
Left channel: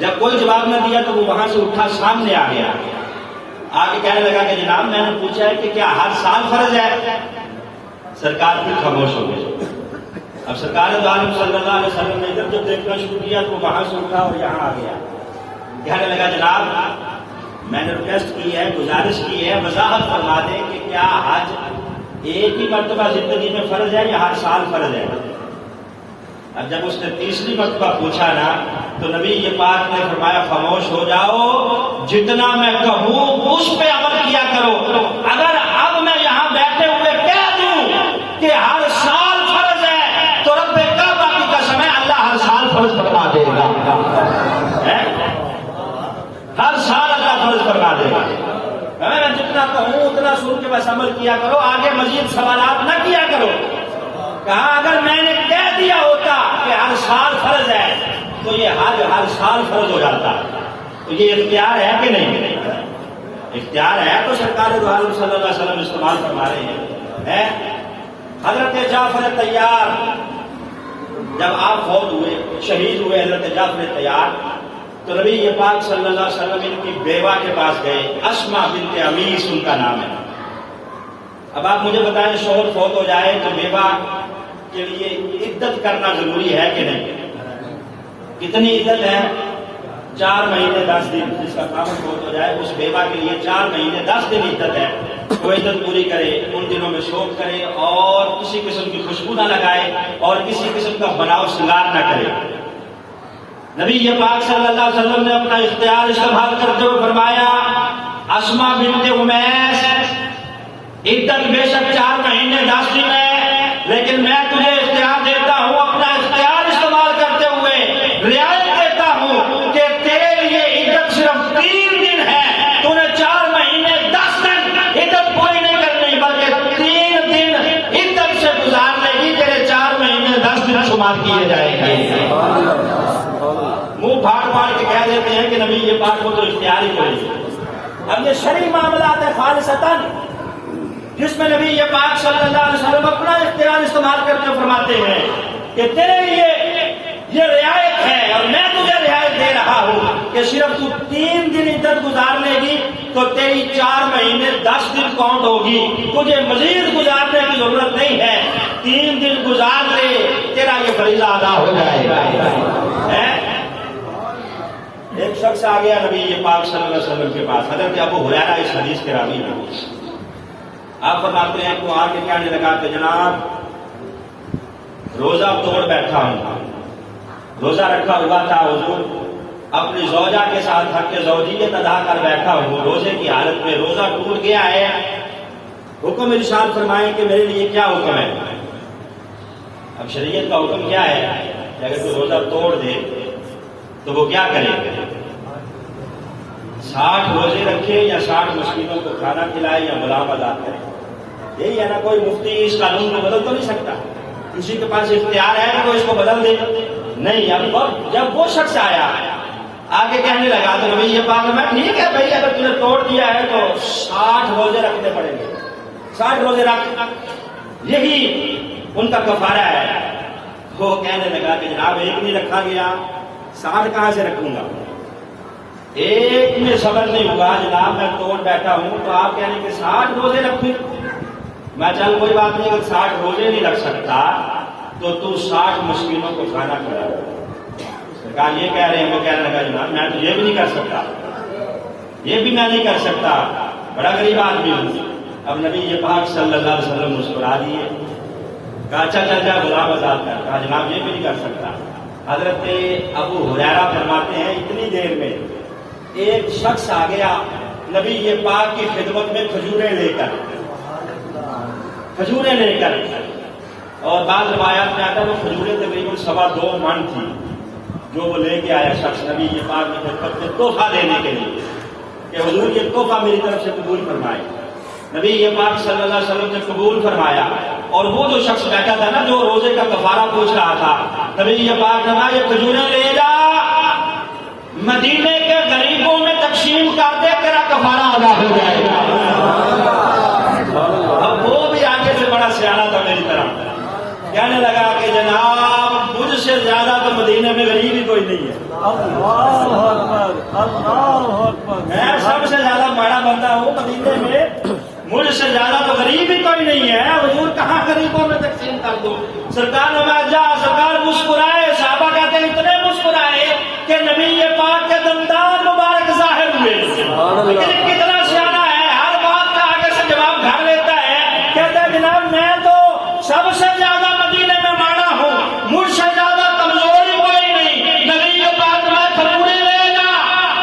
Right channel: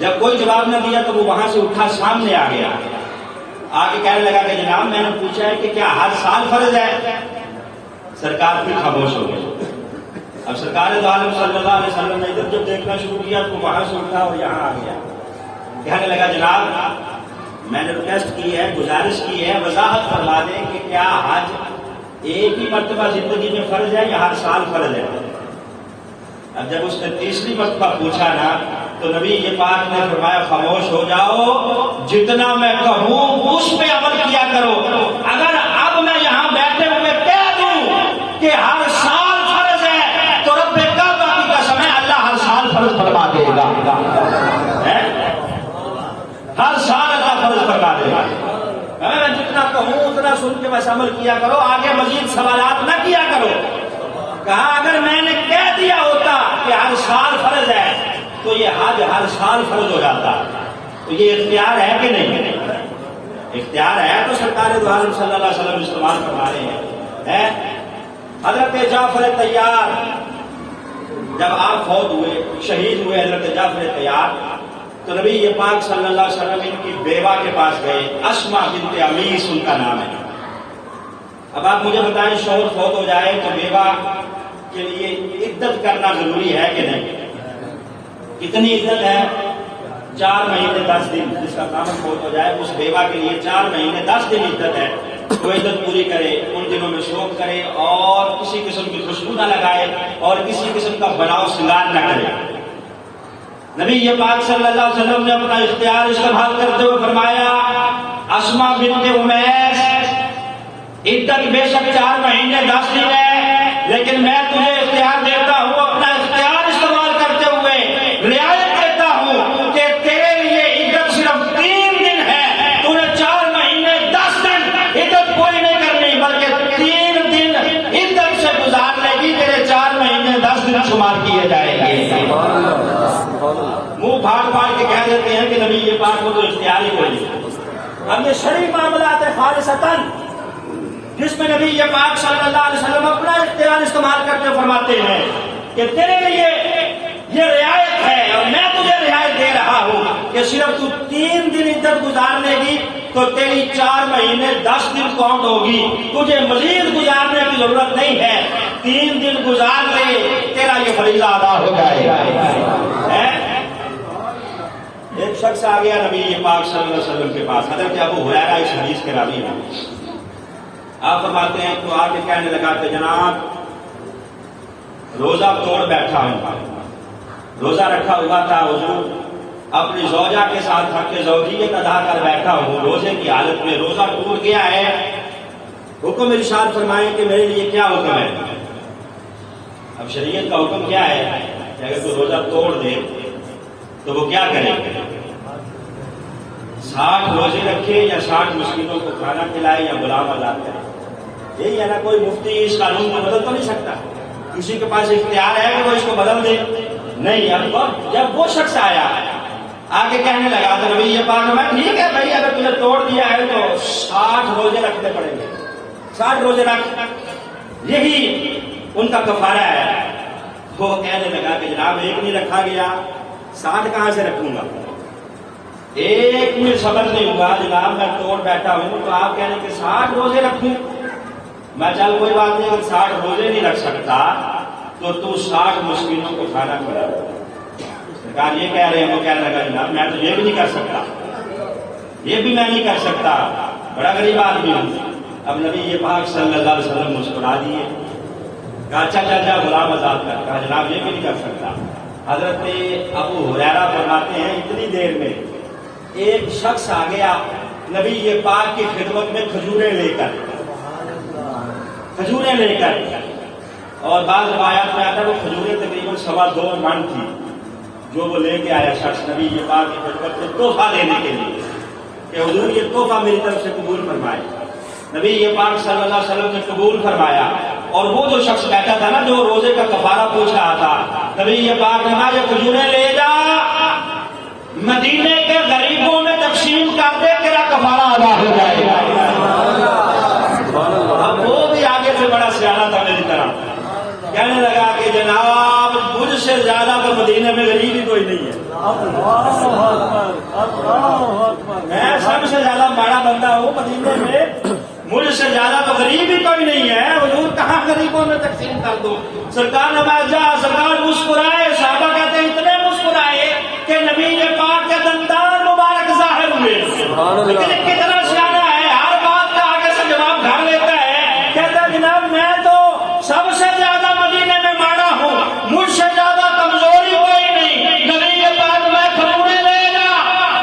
جب کوئی جواب نہ دیا تو وہ وہاں سے اٹھا سامنے آ گیا، آگے کہنے لگا کہ جناب میں نے پوچھا ہے کہ کیا ہر سال فرض ہے؟ سرکار بھی خاموش ہو گئے۔ اب سرکار دو عالم صلی اللہ علیہ وسلم نے ادھر جب دیکھنا شروع کیا تو وہاں سے اٹھا اور یہاں آ گیا، کہنے لگا جناب میں نے ریکویسٹ کی ہے، گزارش کی ہے، وضاحت فرما دیں کہ کیا حج ایک ہی مرتبہ زندگی میں فرض ہے یا ہر سال فرض ہے؟ اب جب اس نے تیسری مرتبہ پوچھا نا تو نبی یہ بات نے فرمایا خاموش ہو جاؤ، جتنا میں کہوں اس پہ عمل کیا کرو۔ اگر اب میں یہاں بیٹھے ہوئے کہہ دوں کہ ہر سال فرض ہے تو رب کعبہ کی قسم ہے اللہ ہر سال فرض فرما دے گا، ہر سال اللہ فرض فرما دے گا۔ میں جتنا کہوں اتنا سن کے بس عمل کیا کرو، آگے مزید سوالات نہ کیا کرو۔ کہا اگر میں نے کہہ دیا ہوتا کہ ہر سال فرض ہے تو یہ حج ہر سال فرض ہو جاتا، تو یہ اختیار ہے کہ نہیں؟ اختیار ہے تو سرکار دو عالم صلی اللہ علیہ وسلم استعمال فرما رہے ہیں۔ حضرت جعفر طیار جب آپ فوت ہوئے، شہید ہوئے حضرت جعفر طیار، تو نبی یہ پاک صلی اللہ علیہ وسلم ان کی بیوہ کے پاس گئے، اسما بنت امیس ان کا نام ہے۔ اب آپ مجھے بتائیں شوہر فوت ہو جائے تو بیوہ کے لیے عدت کرنا ضروری ہے کہ نہیں؟ کتنی عدت ہے؟ 4 مہینے 10 دن۔ جس کا خاوند فوت ہو جائے اس بیوہ کے لیے 4 مہینے 10 دن عدت ہے۔ وہ عدت پوری کرے، ان دنوں میں شوق کرے اور کسی قسم کی خوشبو نہ لگائے اور کسی قسم کا بناؤ سنگار نہ کرے۔ نبی یہ پاک صلی اللہ علیہ وسلم نے اپنا اختیار استعمال کرتے ہوئے فرمایا اسما بنت امیس عدت بے شک 4 مہینے 10 دن ہے، لیکن میں تجھے اختیار دیتا ہوں، اپنا اختیار استعمال کرتے ہوئے رعایت دیتا ہوں کہ تیرے لیے عدت صرف 3 دن ہے، تو نے 4 مہینے 10 دن عدت پوری نہیں کرنی بلکہ 3 دن عدت سے گزار لے گی، تیرے 4 مہینے 10 دن شمار کیے جائیں گے۔ منہ پھاڑ کے کہہ دیتے ہیں کہ نبی یہ بات کو تو اختیار ہی کوئی۔ اب یہ شرعی معاملات ہے خالصتاً، جس میں نبی یہ پاک صلی اللہ علیہ وسلم اپنا اختیار استعمال کرتے فرماتے ہیں کہ تیرے لیے یہ رعایت ہے اور میں تجھے رعایت دے رہا ہوں کہ صرف تو 3 دن عدت گزار لے گی تو تیری 4 مہینے 10 دن کاؤنٹ ہوگی، تجھے مزید گزارنے کی ضرورت نہیں ہے، 3 دن گزار لے تیرا یہ فریضہ ادا ہو جائے گا۔ ایک شخص آ گیا نبی یہ پاک صلی اللہ علیہ وسلم کے پاس، حضرت ابو ہریرہ اس حدیث کے راوی ہیں۔ آپ فرماتے ہیں تو آ کے کہنے لگا کہ جناب روزہ توڑ بیٹھا ہوں، روزہ رکھا ہوا تھا حضور، اپنی زوجہ کے ساتھ حق زوجیت ادا کر بیٹھا ہوں، روزے کی حالت میں روزہ ٹوٹ گیا ہے، حکم ارشاد فرمائیں کہ میرے لیے کیا حکم ہے؟ اب شریعت کا حکم کیا ہے کہ اگر کوئی روزہ توڑ دے تو وہ کیا کرے؟ 60 روزے رکھے یا 60 مسکینوں کو کھانا کھلائے یا غلام آزاد کرے؟ یہی ہے نا، کوئی مفتی اس قانون کو بدل تو نہیں سکتا، کسی کے پاس اختیار ہے کہ وہ اس کو بدل دے؟ نہیں۔ اب جب وہ شخص آیا آگے کہنے لگا تو نبی یہ بات میں ٹھیک ہے بھائی اگر تم نے توڑ دیا ہے تو 60 روزے رکھنے پڑیں گے، 60 روزے رکھ، یہی ان کا کفارہ ہے۔ وہ کہنے لگا کہ جناب ایک نہیں رکھا گیا، 60 کہاں سے رکھوں گا؟ ایک میں صبر نہیں ہوا جناب، میں توڑ بیٹھا ہوں، تو آپ کہہ رہے ہیں کہ 60 روزے رکھوں؟ میں چل کوئی بات نہیں، اگر 60 روزے نہیں رکھ سکتا تو 60 مسکینوں کو کھانا کھلا۔ سرکار یہ کہہ رہے ہیں، وہ کہنے لگا جناب میں تو یہ بھی نہیں کر سکتا، یہ بھی میں نہیں کر سکتا، بڑا غریب آدمی ہوں۔ اب نبی یہ پاک صلی اللہ علیہ وسلم مسکرا دیے، کہا اچھا جا غلام آزاد کر، کہا جناب یہ بھی نہیں کر سکتا۔ حضرت ابو ہریرہ فرماتے ہیں اتنی دیر میں ایک شخص آ گیا نبی یہ پاک کی خدمت میں کھجوریں لے کر، اور بعض روایات میں آتا ہے وہ کھجوریں تقریباً 2.25 من تھی جو وہ لے کے آیا شخص نبی یہ پاک کی خدمت میں تحفہ دینے کے لیے کہ حضور یہ تحفہ میری طرف سے قبول فرمائے۔ نبی یہ پاک صلی اللہ علیہ وسلم نے قبول فرمایا، اور وہ جو شخص بیٹھا تھا نا جو روزے کا کفارہ پوچھ رہا تھا، نبی یہ پاک فرمایا یہ کھجوریں لے جا مدینے کے غریبوں میں تقسیم کر دے، تیرا کفارہ ادا ہو جائے گا۔ اب وہ بھی آگے سے بڑا سیاح تھا میری طرح، کہنے لگا کہ جناب مجھ سے زیادہ تو مدینے میں غریب ہی کوئی نہیں ہے، میں سب سے زیادہ بڑا بندہ ہوں مدینے میں، مجھ سے زیادہ تو غریب ہی کوئی نہیں ہے، حضور کہاں غریبوں میں تقسیم کر دوں؟ سرکار سرکار مسکرائے، صحابہ کہتے ہیں اتنے مسکرائے کہ نبی پاک کے دندان مبارک ظاہر ہوئے، لیکن کتنا سیاح ہے، ہر بات کا آگے سے جواب گھر لیتا ہے، کہتا ہے جناب میں تو سب سے زیادہ مدینے میں مانا ہوں، مجھ سے زیادہ کمزوری کوئی نہیں، نبی پاک میں کھجورے لے جا،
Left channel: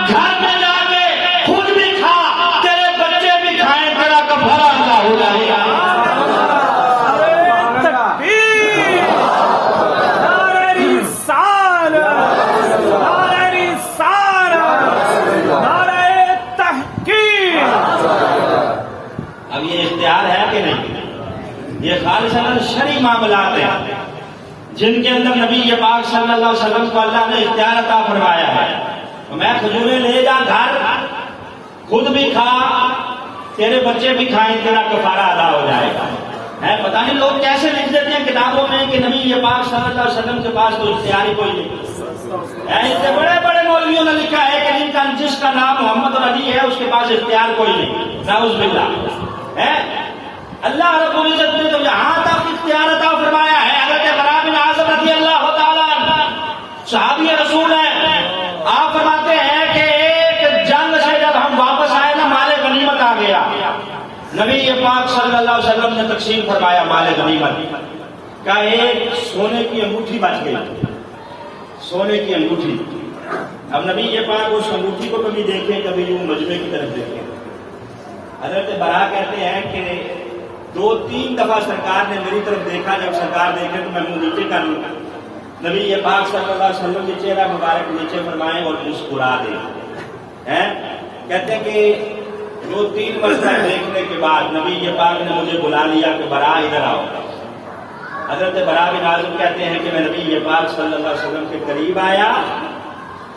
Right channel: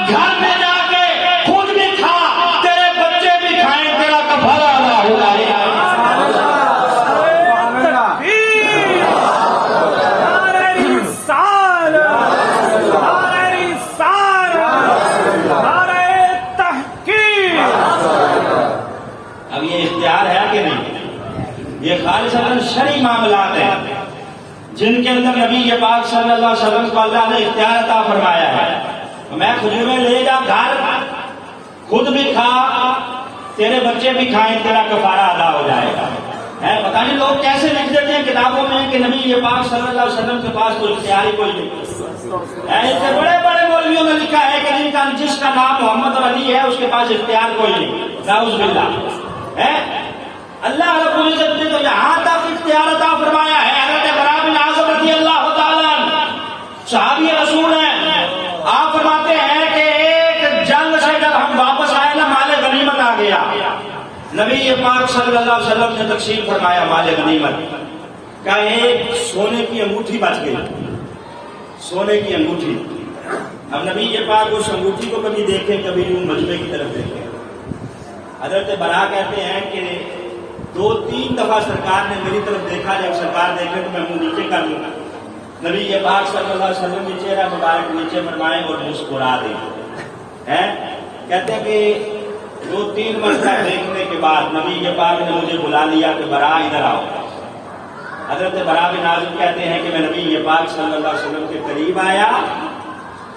گھر میں جا کے خود بھی کھا، تیرے بچے بھی کھائیں، تیرا کفارہ ادا ہو جائے گا۔ اب یہ اختیار ہے کہ نہیں؟ یہ خالصاً شرعی معاملات ہیں جن کے اندر نبی پاک صلی اللہ علیہ وسلم کو اللہ نے اختیار عطا فرمایا ہے۔ میں کھجوریں لے جا گھر، خود بھی کھا، تیرے بچے بھی کھائیں، تیرا کفارہ ادا ہو جائے گا۔ پتہ نہیں لوگ کیسے لکھ دیتے ہیں کتابوں میں کہ نبی پاک صلی اللہ علیہ وسلم کے پاس کوئی اختیار ہی کوئی نہیں۔ ایسے بڑے بڑے مولویوں نے لکھا ہے کہ جس کا نام محمد اور علی ہے اس کے پاس اختیار کوئی نہیں، نعوذ باللہ۔ اللہ رب العزت نے تو یہاں تک اختیار عطا فرمایا ہے۔ حضرت براء بن عازب رضی اللہ تعالیٰ عنہ صحابی رسول ہیں، آپ فرماتے ہیں کہ ایک جنگ سے جب ہم واپس آئے نا، مال غنیمت آ گیا، نبی پاک صلی اللہ علیہ وسلم نے تقسیم فرمایا مال غنیمت کا، ایک سونے کی انگوٹھی بچ گئی، سونے کی انگوٹھی۔ اب نبی پاک اس انگوٹھی کو کبھی دیکھیں، کبھی مجمع کی طرف دیکھیں۔ حضرت براء کہتے ہیں کہ 2-3 دفعہ سرکار نے میری طرف دیکھا، جب سرکار دیکھے تو میں منہ نیچے کر لوں، نبی پاک صلی اللہ علیہ وسلم کے چہرہ مبارک نیچے فرمائیں اور مسکرا دیں۔ کہتے ہیں کہ 2-3 مرتبہ دیکھنے کے بعد نبی پاک نے مجھے بلا لیا کہ براء ادھر آؤ۔ حضرت براء بن عازب کہتے ہیں کہ میں نبی پاک صلی اللہ علیہ وسلم کے قریب آیا،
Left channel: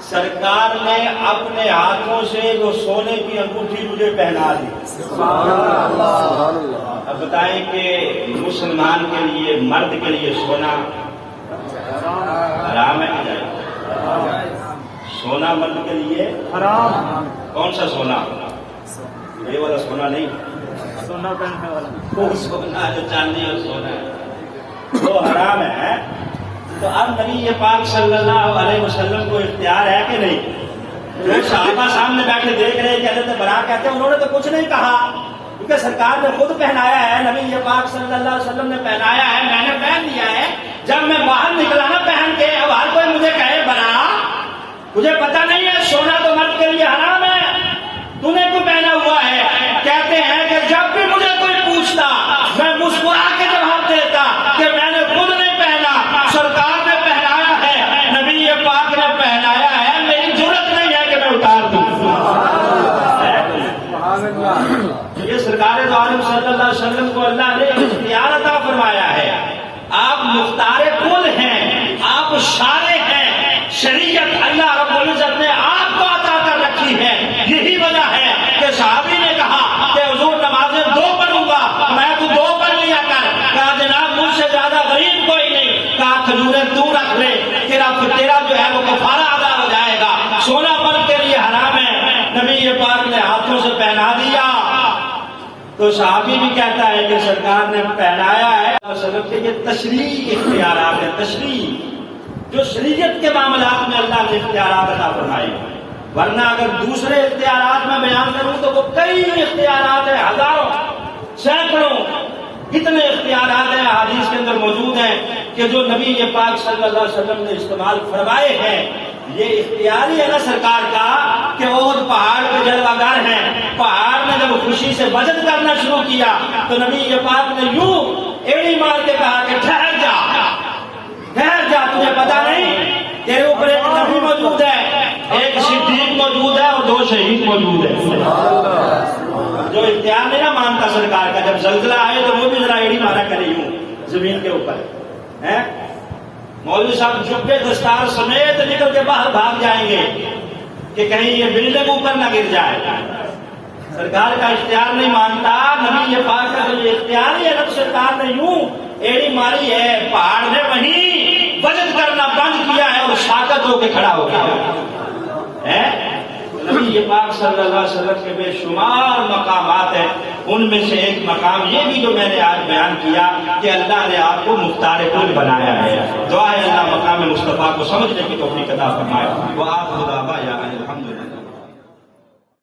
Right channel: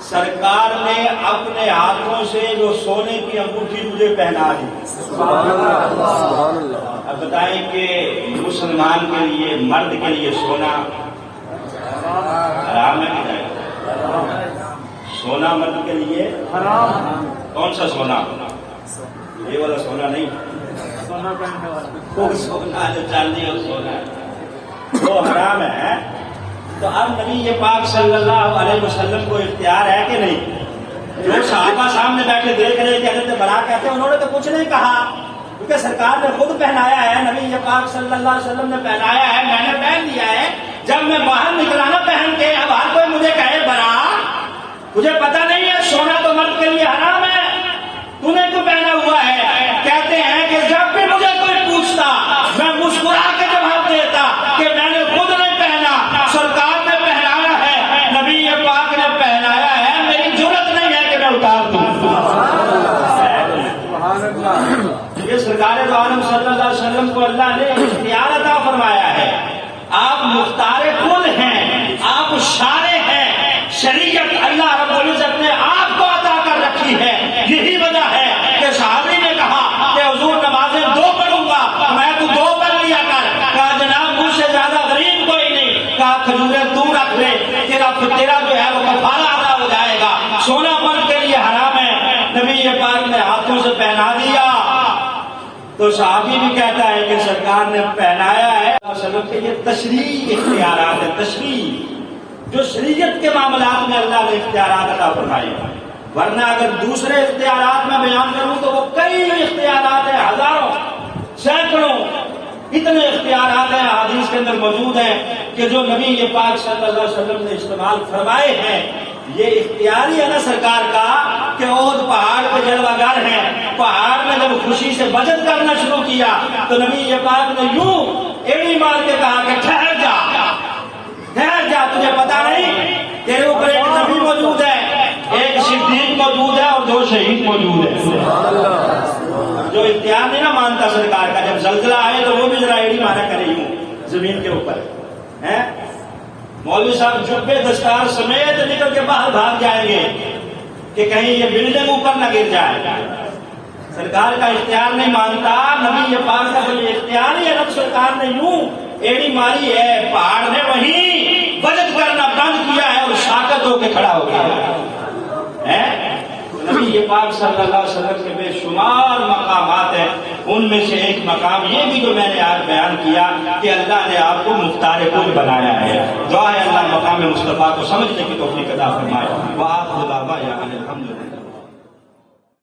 سرکار نے اپنے ہاتھوں سے وہ سونے کی انگوٹھی مجھے پہنا دی۔ سبحان اللہ، سبحان اللہ۔ اب بتائیں کہ مسلمان کے لیے، مرد کے لیے سونا حرام ہے کہ نہیں؟ سونا مرد کے لیے حرام۔ کون سا سونا؟ یہ والا سونا نہیں، وہ سونا جو چاندی اور سونا ہے وہ حرام ہے۔ تو اب نبی پاک صلی اللہ علیہ وسلم کو اختیار ہے کہ نہیں؟ جو صحابہ سامنے بیٹھے دیکھ رہے کہ حضرت براء کہتے ہیں انہوں نے تو کچھ نہیں کہا، کیونکہ سرکار نے خود پہنایا ہے، نبی پاک صلی اللہ علیہ وسلم نے پہنایا ہے، میں نے پہن لیا ہے۔ جب میں باہر نکلا نا پہن کے، اب ہر کوئی مجھے کہے براء مجھے پتا نہیں ہے سونا تو مرد کے لیے حرام ہے، تو نے کیوں پہنا ہوا ہے؟ کہتے ہیں کہ جب بھی مجھے کوئی پوچھتا میں مسکرا کے جواب دیتا کہ میں نے خود نہیں پہنا، سرکار نے پہنایا ہے، نبی پاک نے پہنایا ہے، میری ضرورت نہیں ہے کہ میں اتار دوں۔ یہ سرکار دو عالم صلی اللہ علیہ وسلم کو اللہ نے اختیار عطا فرمایا ہے۔ آپ مختار کل ہیں، آپ شارع ہیں، شریعت اللہ رب العزت نے آپ کو عطا کر رکھی ہے۔ یہی وجہ ہے کہ صحابی نے کہا کہ حضور نمازیں 2 پڑھوں گا، میں تو 2 پڑھ لیا کر۔ کہا جناب مجھ سے زیادہ غریب کوئی نہیں، کہا کھجوریں تو رکھ لے، تیرا جو ہے وہ کفارہ ادا ہو جائے گا۔ سونا مرد کے لیے حرام ہے، نبی پاک نے ہاتھوں سے پہنا دیا۔ تو صحابی بھی کہتا ہے کہ سرکار نے پہنایا ہے، سمجھتے یہ تشریع اختیارات ہے، تشریع جو شریعت کے معاملات میں اللہ نے اختیارات عطا فرمائے ہیں۔ ورنہ اگر دوسرے اختیارات میں بیان کروں تو وہ کئی اختیارات ہیں، ہزاروں، سینکڑوں، اتنے اختیارات ہیں حدیث کے اندر موجود ہیں کہ جو نبی پاک صلی اللہ علیہ وسلم نے استعمال فرمائے ہیں۔ یہ اختیاری ہے نا سرکار کا کہ عہد پہاڑ پہ جلوہ گر ہیں، پہاڑ میں جب خوشی سے بجت کرنا شروع کیا تو نبی پاک نے یوں ایڑی مار کے کہا کہ ٹھہر جا، ٹھہر جا، تجھے پتا نہیں تیرے اوپر ایک نبی موجود ہے، ایک صدیق موجود ہے اور 2 شہید موجود ہے۔ جو اختیار نہیں نا مانتا سرکار کا، جب زلزلہ آئے تو وہ بھی ذرا ایڑی مارا کرے یوں زمین کے اوپر ہے۔ مولوی صاحب جبے دستار سمیت نکل کے باہر بھاگ جائیں گے کہ کہیں یہ بلڈنگ اوپر نہ گر جائے۔ سرکار کا اختیار نہیں مانتا، نبی پاک کا جو اختیار ہی ہے نا، سرکار نے یوں ایڑی ماری ہے، پہاڑ نے وہیں وجد کرنا بند کیا ہے اور ساکت ہو کے کھڑا ہو گیا ہے۔ نبی پاک صلی اللہ علیہ وسلم کے بے شمار مقامات ہیں، ان میں سے ایک مقام یہ بھی جو میں نے آج بیان کیا کہ اللہ نے آپ کو مختار کل بنایا ہے۔ دعا ہے اللہ مقام مصطفیٰ کو سمجھنے کی توفیق عطا فرمائے۔ وآخر دعوانا